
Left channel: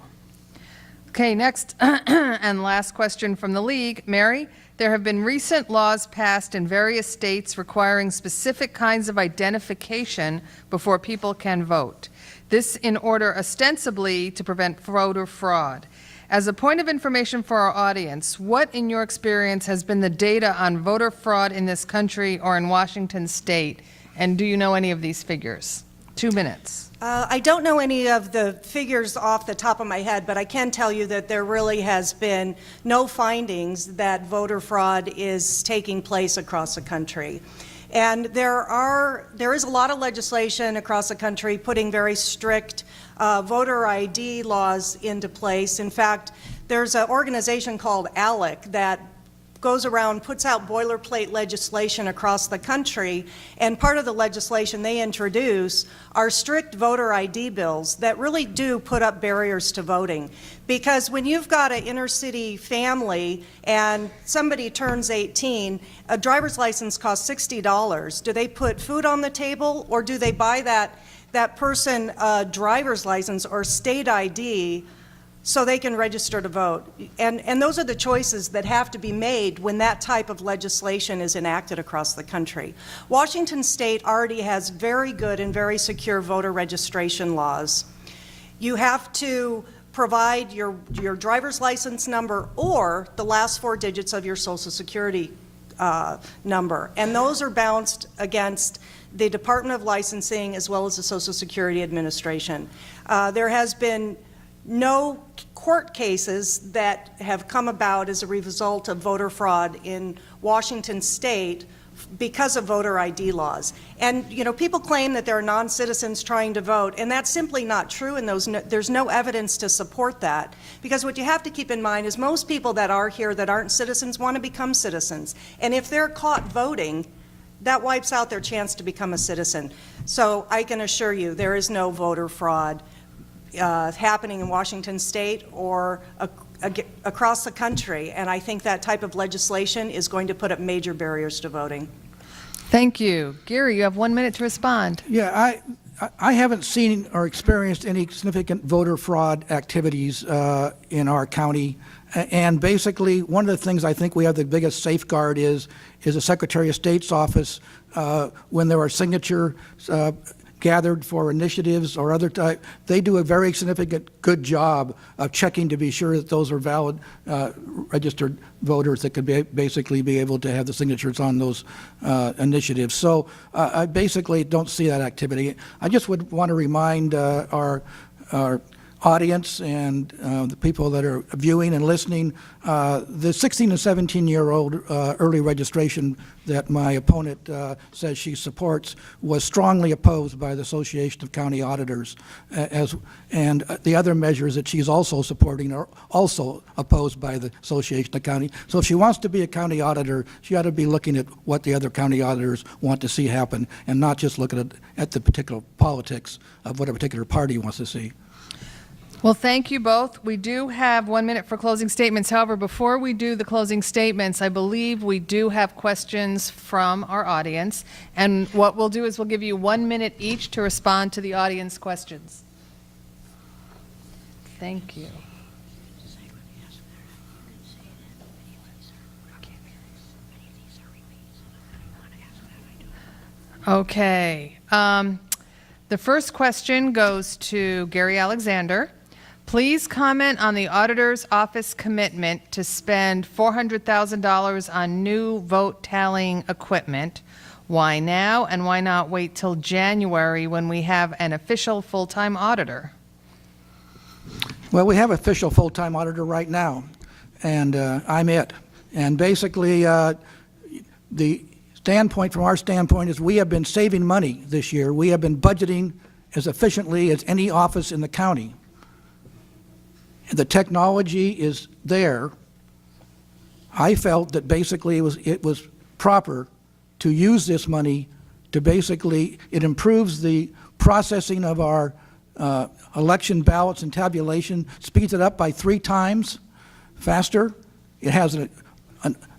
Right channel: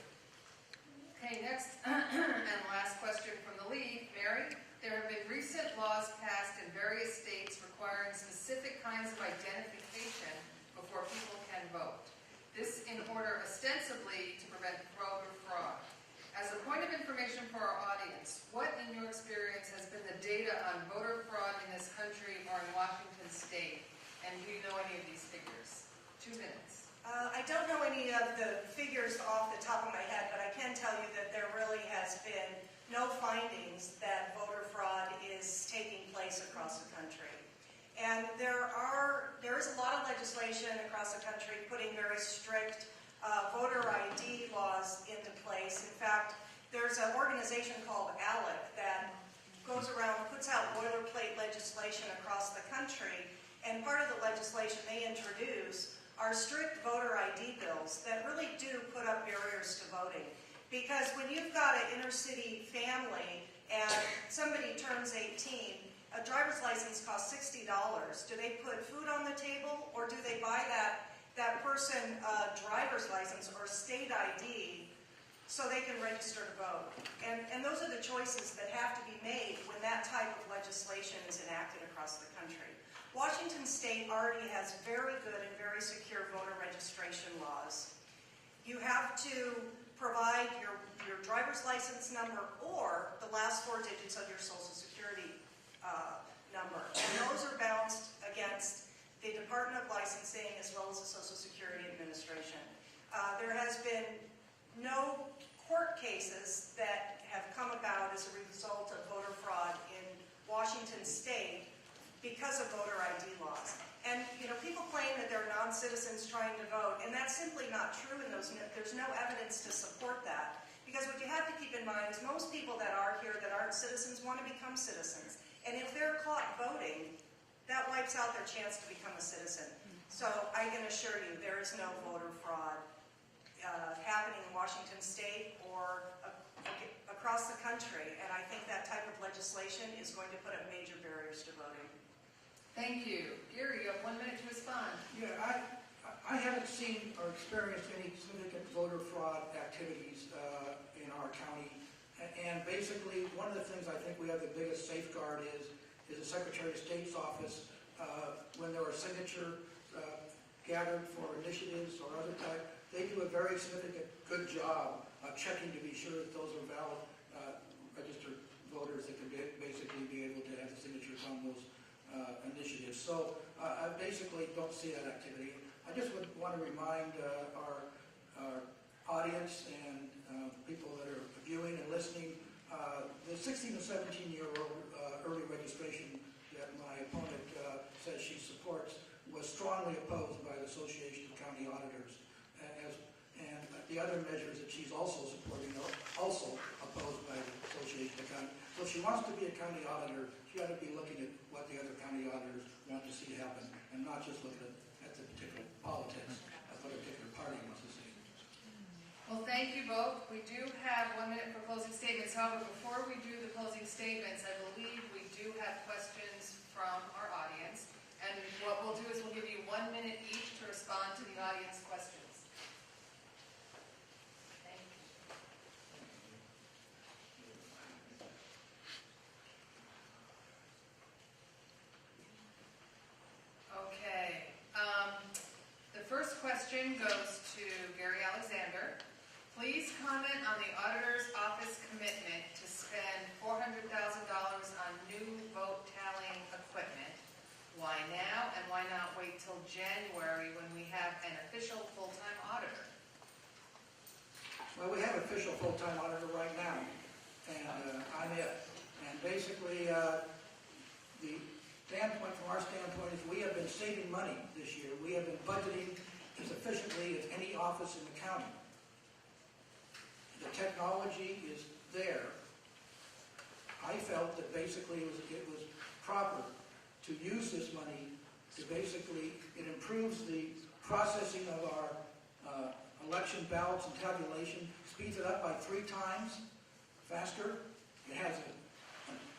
Okay, next and last question from the League. Mary, there have been recent laws passed in various states requiring specific kinds of identification before people can vote. This in order ostensibly to prevent voter fraud. As a point of information for our audience, what in your experience has been the data on voter fraud in this country or in Washington state? And do you know any of these figures? 2 minutes. I don't know any of the figures off the top of my head, but I can tell you that there really has been no findings that voter fraud is taking place across the country. And there is a lot of legislation across the country putting very strict voter ID laws into place. In fact, there's an organization called ALEC that goes around, puts out boilerplate legislation across the country, and part of the legislation they introduce are strict voter ID bills that really do put up barriers to voting. Because when you've got an inner city family and somebody turns 18, a driver's license costs $60. Do they put food on the table, or do they buy that person a driver's license or state ID so they can register to vote? And those are the choices that have to be made when that type of legislation is enacted across the country. Washington State already has very good and very secure voter registration laws. You have to provide your driver's license number or the last 4 digits of your Social Security number, and those are bounced against the Department of Licensing as well as the Social Security Administration. There has been no court cases that have come about as a result of voter fraud in Washington State because of voter ID laws. And people claim that there are non-citizens trying to vote, and that's simply not true, and there's no evidence to support that. Because what you have to keep in mind is most people that are here that aren't citizens want to become citizens. And if they're caught voting, that wipes out their chance to become a citizen. So I can assure you there is no voter fraud happening in Washington State or across the country, and I think that type of legislation is going to put up major barriers to voting. Thank you. Gary, you have 1 minute to respond. Yeah, I haven't seen or experienced any significant voter fraud activities in our county. And basically, one of the things I think we have the biggest safeguard is the Secretary of State's office when there are signatures gathered for initiatives or other type. They do a very significant, good job of checking to be sure that those are valid registered voters that could basically be able to have the signatures on those initiatives. So I basically don't see that activity. I just would want to remind our audience and the people that are viewing and listening, the 16 and 17-year-old early registration that my opponent says she supports was strongly opposed by the Association of County Auditors, and the other measures that she's also supporting are also opposed by the Association of County. So if she wants to be a county auditor, she ought to be looking at what the other county auditors want to see happen and not just looking at the particular politics of what a particular party wants to see. Well, thank you both. We do have 1 minute for closing statements. However, before we do the closing statements, I believe we do have questions from our audience. And what we'll do is we'll give you 1 minute each to respond to the audience questions. Thank you. Okay. The first question goes to Gary Alexander. Please comment on the auditor's office commitment to spend $400,000 on new vote tallying equipment. Why now, and why not wait till January when we have an official full-time auditor? Well, we have an official full-time auditor right now, and I'm it. And basically, the standpoint from our standpoint is we have been saving money this year. We have been budgeting as efficiently as any office in the county. The technology is there. I felt that basically it was proper to use this money to basically, it improves the processing of our election ballots and tabulation, speeds it up by 3 times faster. It has an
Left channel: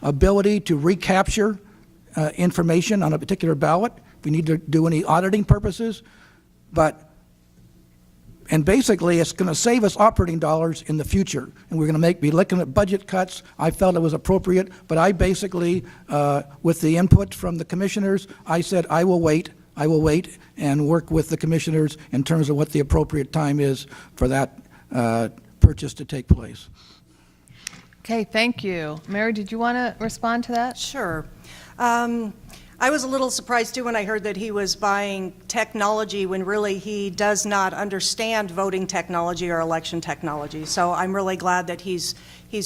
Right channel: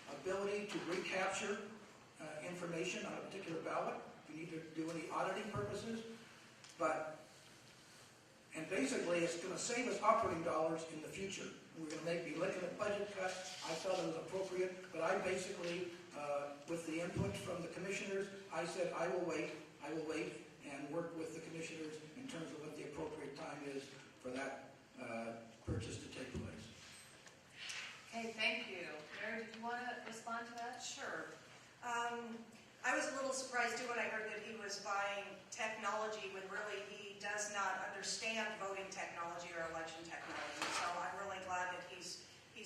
ability to recapture information on a particular ballot if we need to do any auditing purposes. And basically, it's going to save us operating dollars in the future. And we're going to be looking at budget cuts. I felt it was appropriate, but I basically, with the input from the commissioners, I said I will wait and work with the commissioners in terms of what the appropriate time is for that purchase to take place. Okay, thank you. Mary, did you want to respond to that? Sure. I was a little surprised too when I heard that he was buying technology when really he does not understand voting technology or election technology. So I'm really glad that he's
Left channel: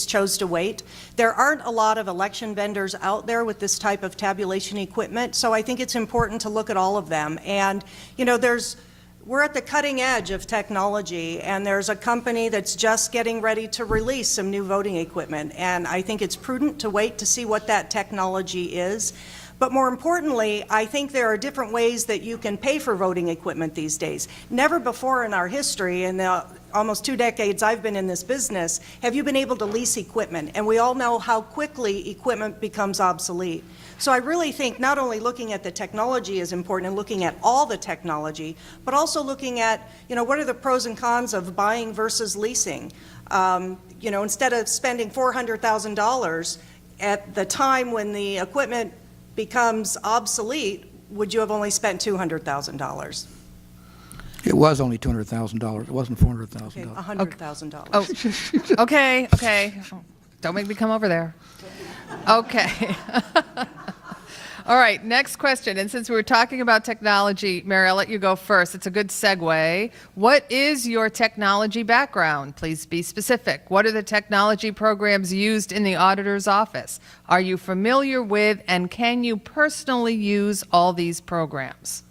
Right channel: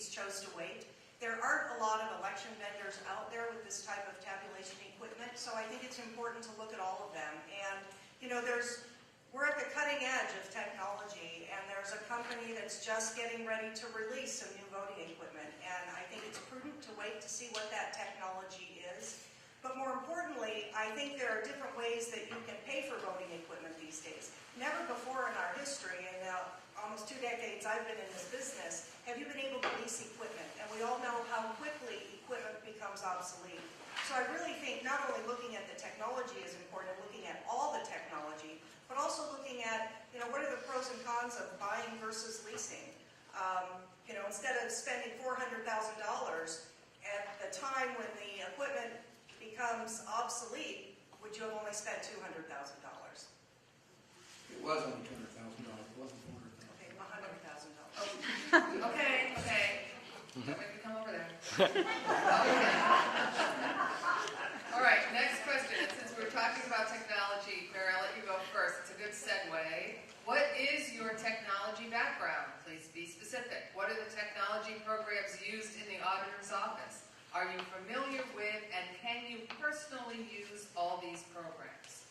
chose to wait. There aren't a lot of election vendors out there with this type of tabulation equipment, so I think it's important to look at all of them. And you know, we're at the cutting edge of technology, and there's a company that's just getting ready to release some new voting equipment, and I think it's prudent to wait to see what that technology is. But more importantly, I think there are different ways that you can pay for voting equipment these days. Never before in our history, in the almost 2 decades I've been in this business, have you been able to lease equipment. And we all know how quickly equipment becomes obsolete. So I really think not only looking at the technology is important and looking at all the technology, but also looking at, you know, what are the pros and cons of buying versus leasing. You know, instead of spending $400,000 at the time when the equipment becomes obsolete, would you have only spent $200,000? It was only $200,000. It wasn't $400,000. Okay, $100,000. Oh, okay. Don't make me come over there. Okay. All right, next question. And since we were talking about technology, Mary, I'll let you go first. It's a good segue. What is your technology background? Please be specific. What are the technology programs used in the auditor's office? Are you familiar with and can you personally use all these programs?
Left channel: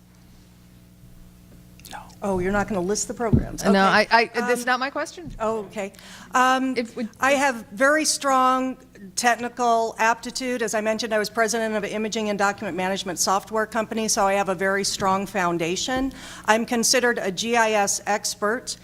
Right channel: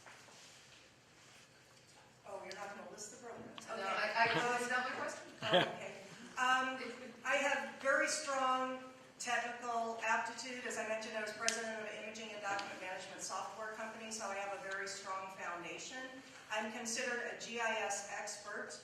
Oh, you're not going to list the programs? Okay. No, that's not my question. Oh, okay. I have very strong technical aptitude. As I mentioned, I was president of an imaging and document management software company, so I have a very strong foundation. I'm considered a GIS expert.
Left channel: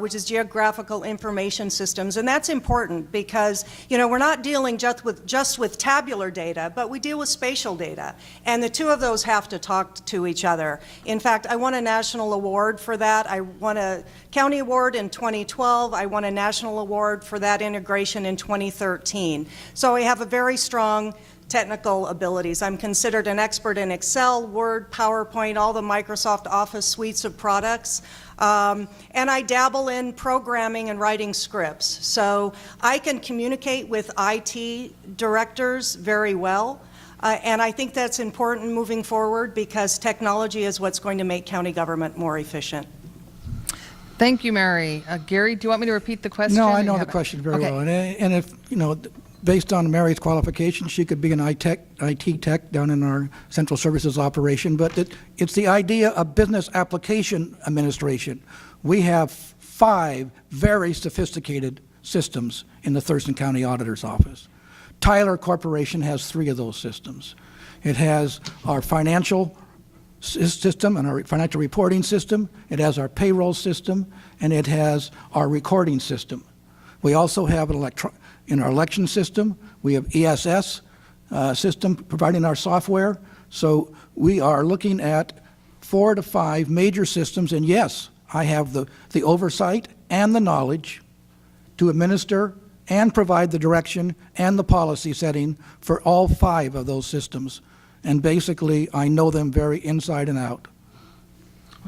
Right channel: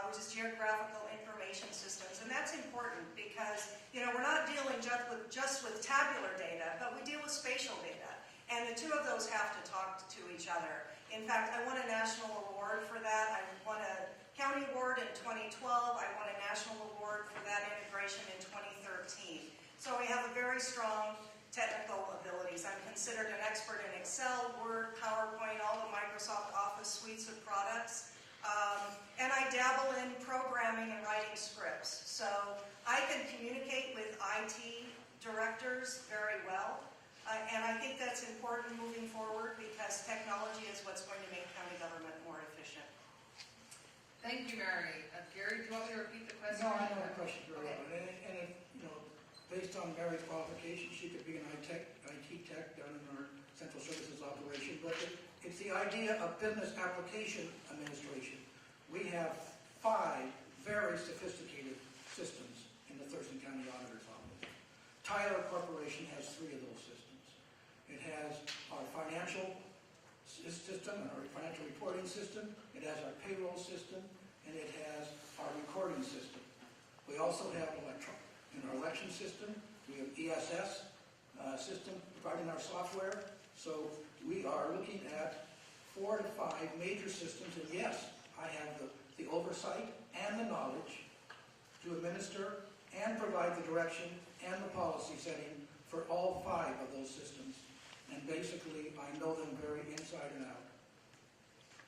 which is Geographical Information Systems. And that's important because, we're not dealing just with tabular data, but we deal with spatial data. And the two of those have to talk to each other. In fact, I won a national award for that. I won a county award in 2012. I won a national award for that integration in 2013. So I have a very strong technical abilities. I'm considered an expert in Excel, Word, PowerPoint, all the Microsoft Office suites of products. And I dabble in programming and writing scripts. So I can communicate with IT directors very well. And I think that's important moving forward because technology is what's going to make county government more efficient. Thank you, Mary. Gary, do you want me to repeat the question? No, I or know you the have it? question very Okay. well. And if, based on Mary's qualifications, she could be an IT tech down in our central services operation, but it's the idea of business application administration. We have 5 very sophisticated systems in the Thurston County Auditor's Office. Tyler Corporation has 3 of those systems. It has our financial system and our financial reporting system. It has our payroll system, and it has our recording system. We also have in our election system, we have ESS system providing our software. So we are looking at 4 to 5 major systems, and yes, I have the oversight and the knowledge to administer and provide the direction and the policy setting for all 5 of those systems. And basically, I know them very inside and out.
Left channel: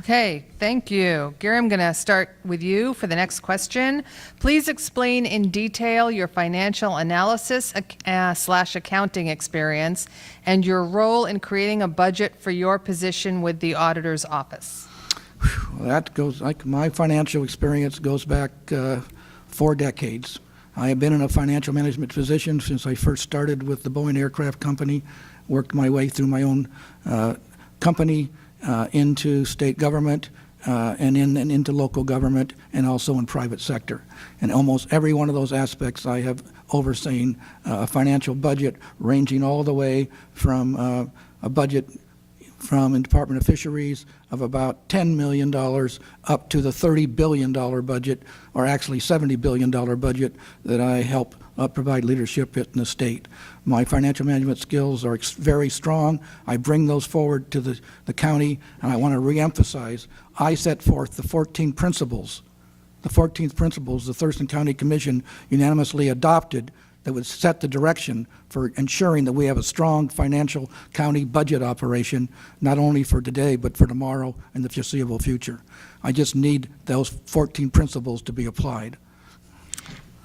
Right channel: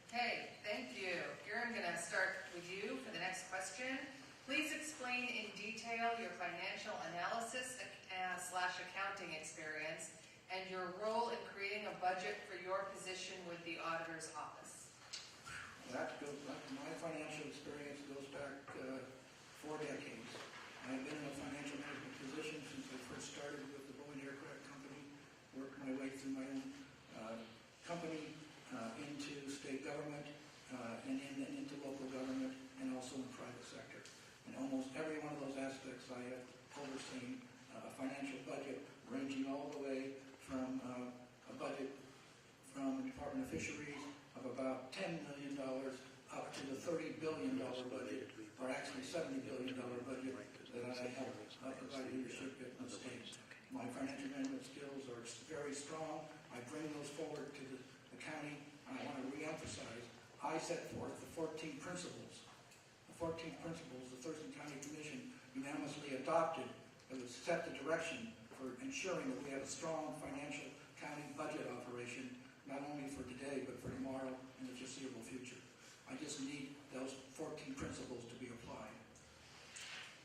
Okay, thank you. Gary, I'm going to start with you for the next question. Please explain in detail your financial analysis / accounting experience and your role in creating a budget for your position with the auditor's office. That goes, like my financial experience goes back 4 decades. I have been in a financial management position since I first started with the Boeing Aircraft Company, worked my way through my own company, into state government and into local government and also in private sector. And almost every one of those aspects I have overseen a financial budget ranging all the way from a budget from the Department of Fisheries of about $10 million up to the $30 billion budget, or actually $70 billion budget that I help provide leadership in the state. My financial management skills are very strong. I bring those forward to the county, and I want to reemphasize, I set forth the 14 principles. The 14th principles the Thurston County Commission unanimously adopted that would set the direction for ensuring that we have a strong financial county budget operation, not only for today, but for tomorrow and the foreseeable future. I just need those 14 principles to be applied.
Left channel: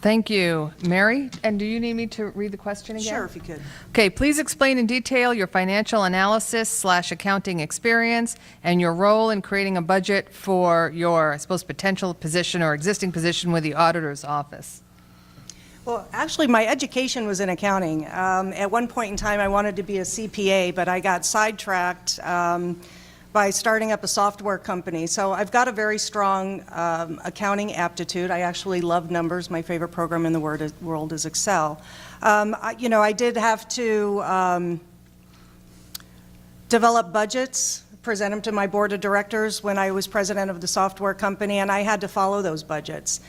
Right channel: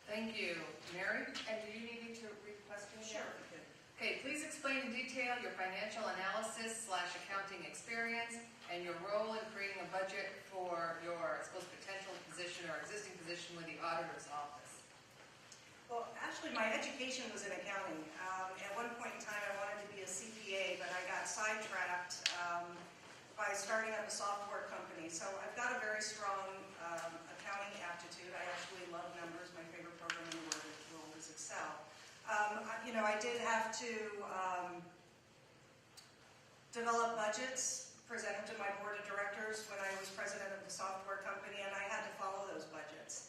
Thank you. Mary, and do you need me to read the question again? Sure, if you could. Okay, please explain in detail your financial analysis / accounting experience and your role in creating a budget for your, I suppose, potential position or existing position with the auditor's office. Well, actually, my education was in accounting. At one point in time, I wanted to be a CPA, but I got sidetracked by starting up a software company. So I've got a very strong accounting aptitude. I actually love numbers. My favorite program in the world is Excel. I did have to develop budgets, present them to my board of directors when I was president of the software company, and I had to follow those budgets.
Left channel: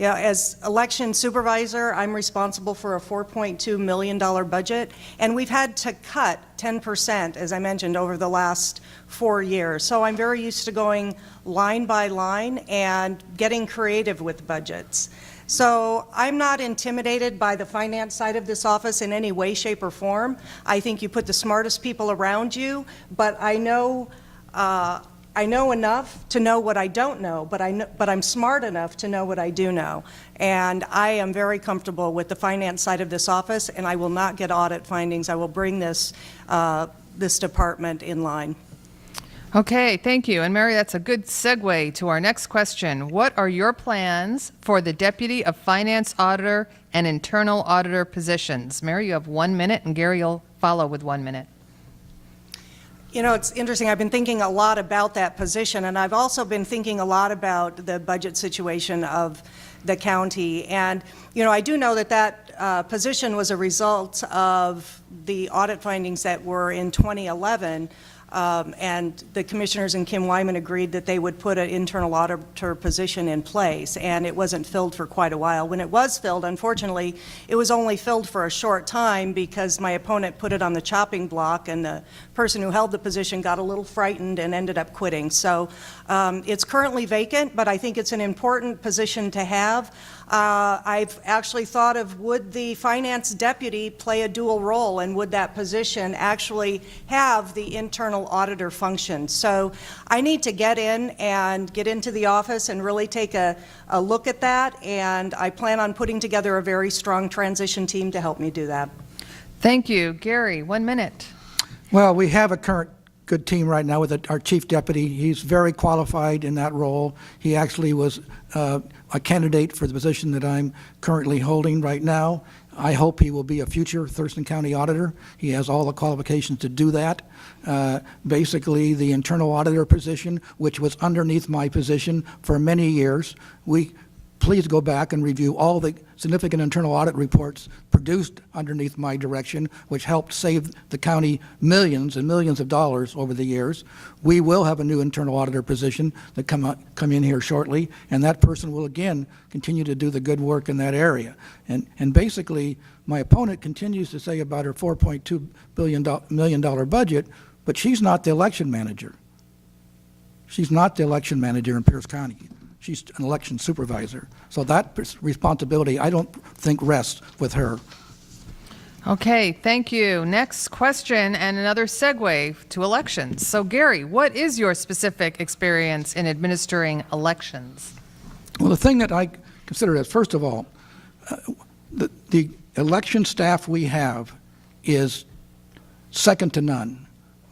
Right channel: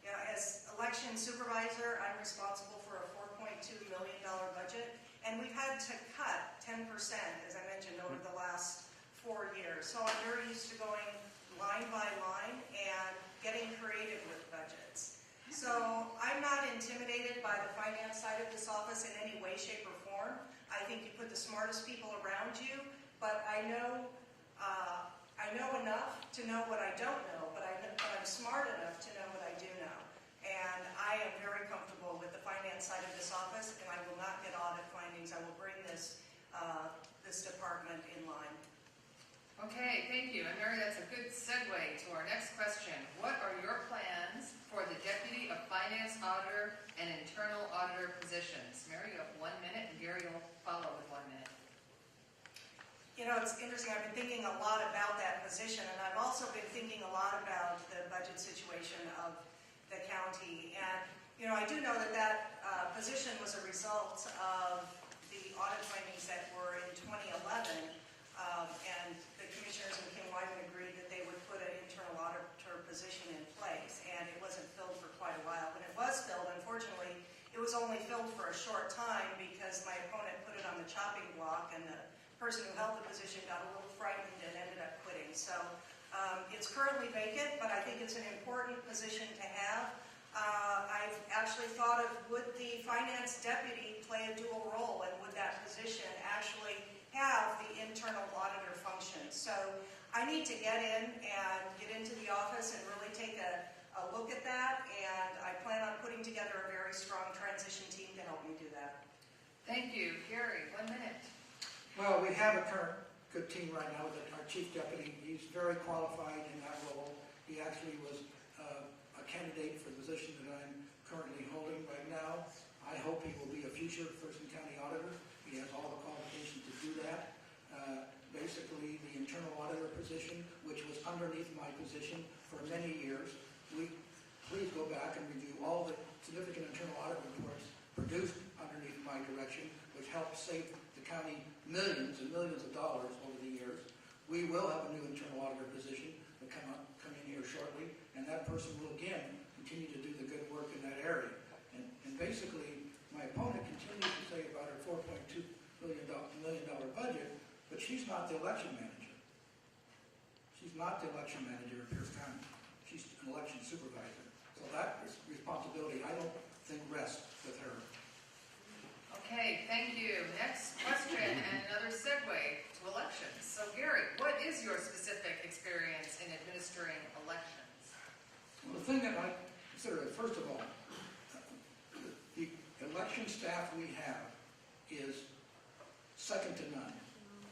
As election supervisor, I'm responsible for a $4.2 million budget, and we've had to cut 10%, as I mentioned, over the last 4 years. So I'm very used to going line by line and getting creative with budgets. So I'm not intimidated by the finance side of this office in any way, shape, or form. I think you put the smartest people around you, but I know enough to know what I don't know, but I'm smart enough to know what I do know. And I am very comfortable with the finance side of this office, and I will not get audit findings. I will bring this department in line. Okay, thank you. And Mary, that's a good segue to our next question. What are your plans for the Deputy of Finance Auditor and Internal Auditor positions? Mary, you have 1 minute, and Gary will follow with 1 minute. It's interesting. I've been thinking a lot about that position, and I've also been thinking a lot about the budget situation of the county. And, I do know that position was a result of the audit findings that were in 2011. And the commissioners and Kim Wyman agreed that they would put an internal auditor position in place, and it wasn't filled for quite a while. When it was filled, unfortunately, it was only filled for a short time because my opponent put it on the chopping block, and the person who held the position got a little frightened and ended up quitting. So it's currently vacant, but I think it's an important position to have. I've actually thought of, would the finance deputy play a dual role, and would that position actually have the internal auditor function? So I need to get into the office and really take a look at that, and I plan on putting together a very strong transition team to help me do that. Thank you. Gary, 1 minute. Well, we have a current good team right now with our chief deputy. He's very qualified in that role. He actually was a candidate for the position that I'm currently holding right now. I hope he will be a future Thurston County auditor. He has all the qualifications to do that. Basically, the internal auditor position, which was underneath my position for many years, please go back and review all the significant internal audit reports produced underneath my direction, which helped save the county millions and millions of dollars over the years. We will have a new internal auditor position that come in here shortly, and that person will again continue to do the good work in that area. And basically, my opponent continues to say about her $4.2 million budget, but she's not the election manager. She's not the election manager in Pierce County. She's an election supervisor. So that responsibility, I don't think, rests with her. Okay, thank you. Next question, and another segue to elections. So Gary, what is your specific experience in administering elections? Well, the thing that I consider is, first of all, the election staff we have is second to none.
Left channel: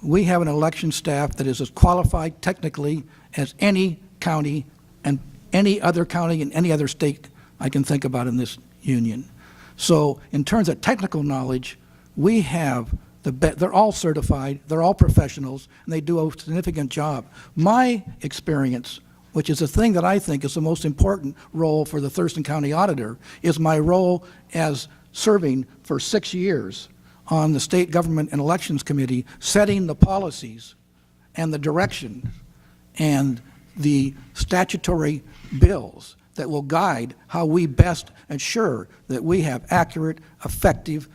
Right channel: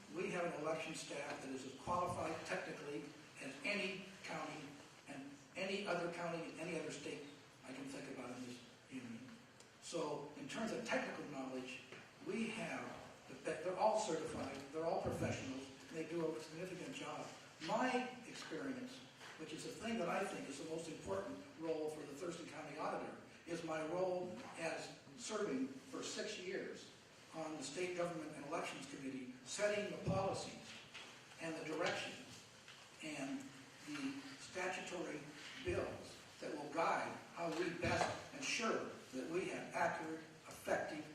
We have an election staff that is as qualified technically as any county and any other county in any other state I can think about in this union. So in terms of technical knowledge, we have they're all certified, they're all professionals, and they do a significant job. My experience, which is the thing that I think is the most important role for the Thurston County Auditor, is my role as serving for 6 years on the State Government and Elections Committee, setting the policies and the direction and the statutory bills that will guide how we best ensure that we have accurate, effective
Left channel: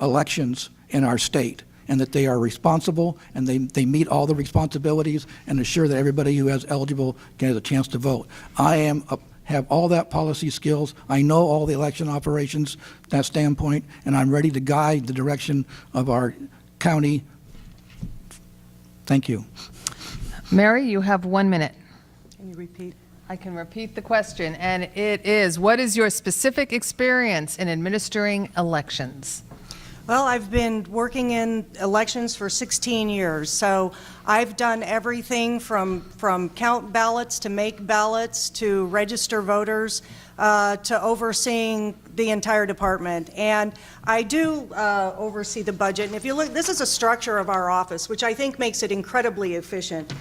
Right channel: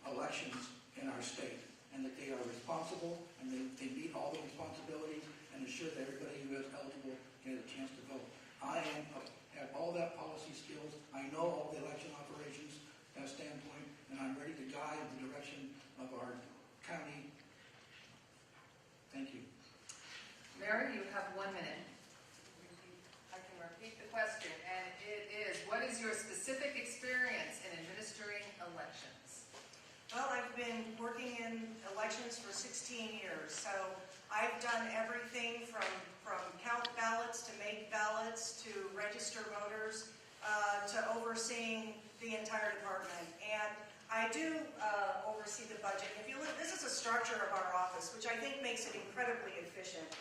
elections in our state, and that they are responsible and they meet all the responsibilities and ensure that everybody who is eligible gets a chance to vote. I have all that policy skills. I know all the election operations, that standpoint, and I'm ready to guide the direction of our county. Thank you. Mary, you have 1 minute. Can you repeat? I can repeat the question, and it is, what is your specific experience in administering elections? Well, I've been working in elections for 16 years, so I've done everything from count ballots to make ballots to register voters to overseeing the entire department. And I do oversee the budget. And if you look, this is a structure of our office, which I think makes it incredibly efficient.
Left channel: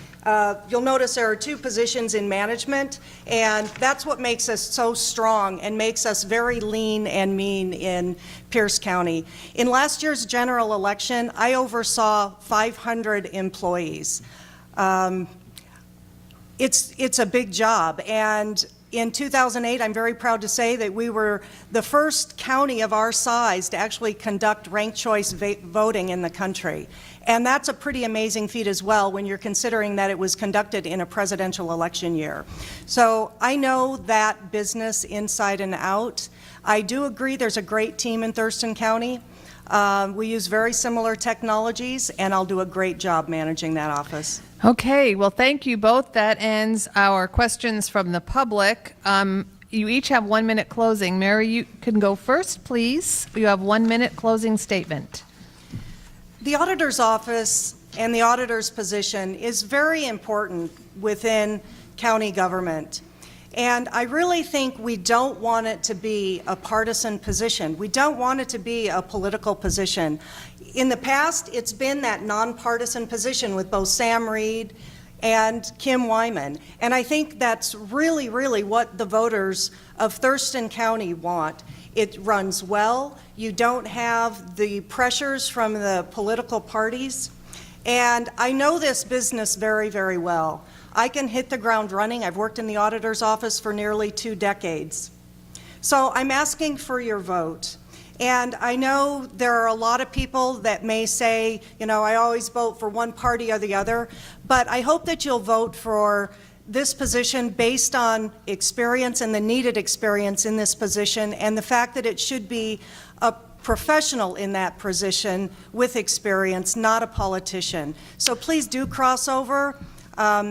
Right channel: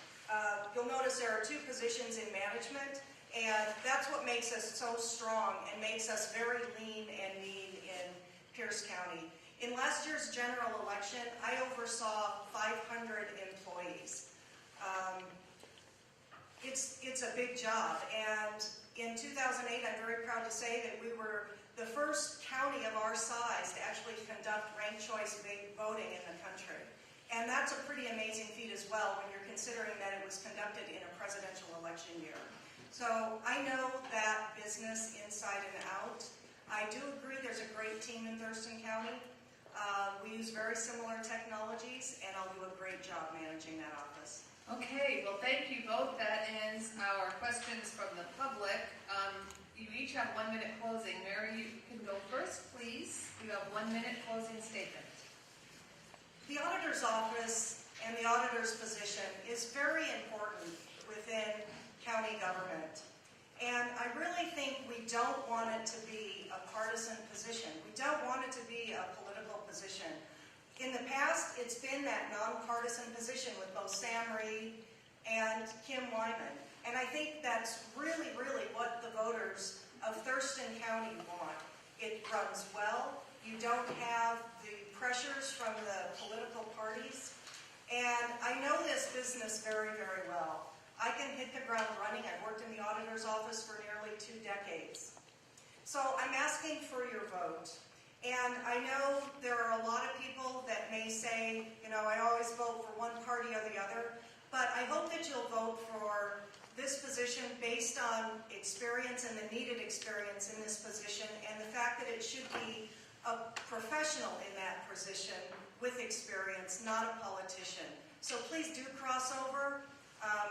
You'll notice there are 2 positions in management, and that's what makes us so strong and makes us very lean and mean in Pierce County. In last year's general election, I oversaw 500 employees. It's a big job, and in 2008, I'm very proud to say that we were the first county of our size to actually conduct ranked choice voting in the country. And that's a pretty amazing feat as well when you're considering that it was conducted in a presidential election year. So I know that business inside and out. I do agree there's a great team in Thurston County. We use very similar technologies, and I'll do a great job managing that office. Okay, well, thank you both. That ends our questions from the public. You each have 1 minute closing. Mary, you can go first, please. You have 1 minute closing statement. The auditor's office and the auditor's position is very important within county government. And I really think we don't want it to be a partisan position. We don't want it to be a political position. In the past, it's been that nonpartisan position with both Sam Reed and Kim Wyman. And I think that's really, really what the voters of Thurston County want. It runs well. You don't have the pressures from the political parties. And I know this business very, very well. I can hit the ground running. I've worked in the auditor's office for nearly 2 decades. So I'm asking for your vote. And I know there are a lot of people that may say, you know, I always vote for one party or the other, but I hope that you'll vote for this position based on experience and the needed experience in this position, and the fact that it should be a professional in that position with experience, not a politician. So please do cross over.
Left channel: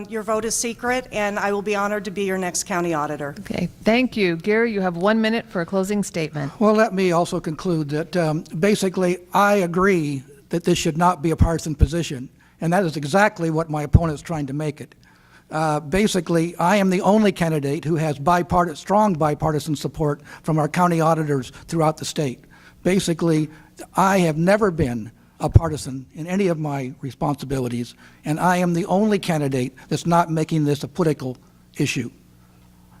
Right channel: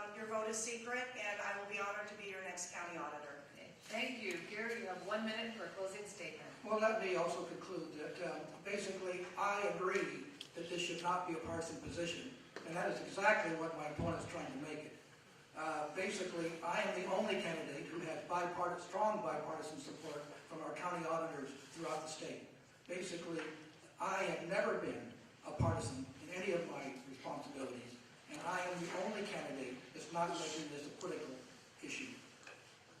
Your vote is secret, and I will be honored to be your next county auditor. Okay, thank you. Gary, you have 1 minute for a closing statement. Well, let me also conclude that basically I agree that this should not be a partisan position, and that is exactly what my opponent is trying to make it. Basically, I am the only candidate who has strong bipartisan support from our county auditors throughout the state. Basically, I have never been a partisan in any of my responsibilities, and I am the only candidate that's not making this a political issue.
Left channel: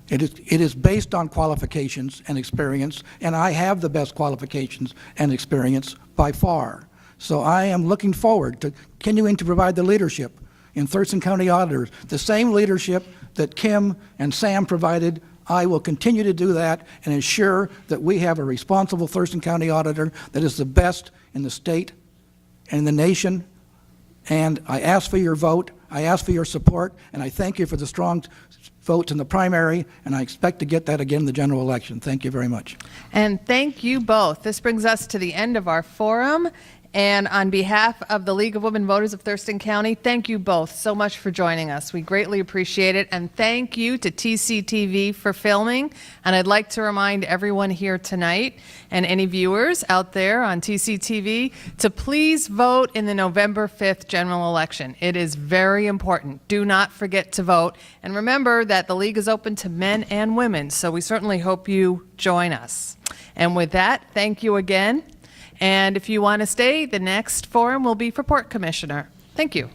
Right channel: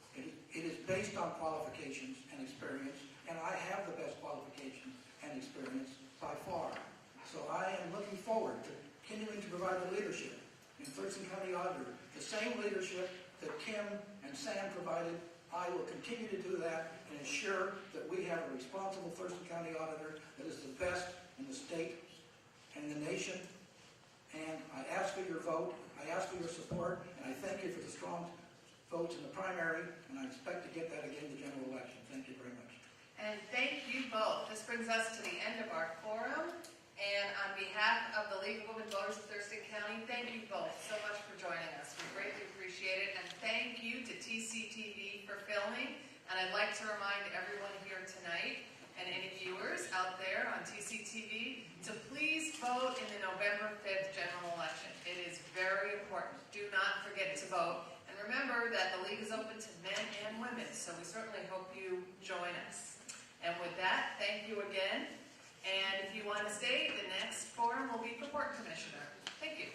It is based on qualifications and experience, and I have the best qualifications and experience by far. So I am looking forward to continuing to provide the leadership in Thurston County Auditors, the same leadership that Kim and Sam provided. I will continue to do that and ensure that we have a responsible Thurston County Auditor that is the best in the state and the nation. And I ask for your vote, I ask for your support, and I thank you for the strong votes in the primary, and I expect to get that again in the general election. Thank you very much. And thank you both. This brings us to the end of our forum. And on behalf of the League of Women Voters of Thurston County, thank you both so much for joining us. We greatly appreciate it. And thank you to TCTV for filming. And I'd like to remind everyone here tonight and any viewers out there on TCTV to please vote in the November 5th general election. It is very important. Do not forget to vote. And remember that the League is open to men and women, so we certainly hope you join us. And with that, thank you again. And if you want to stay, the next forum will be for Port Commissioner. Thank you.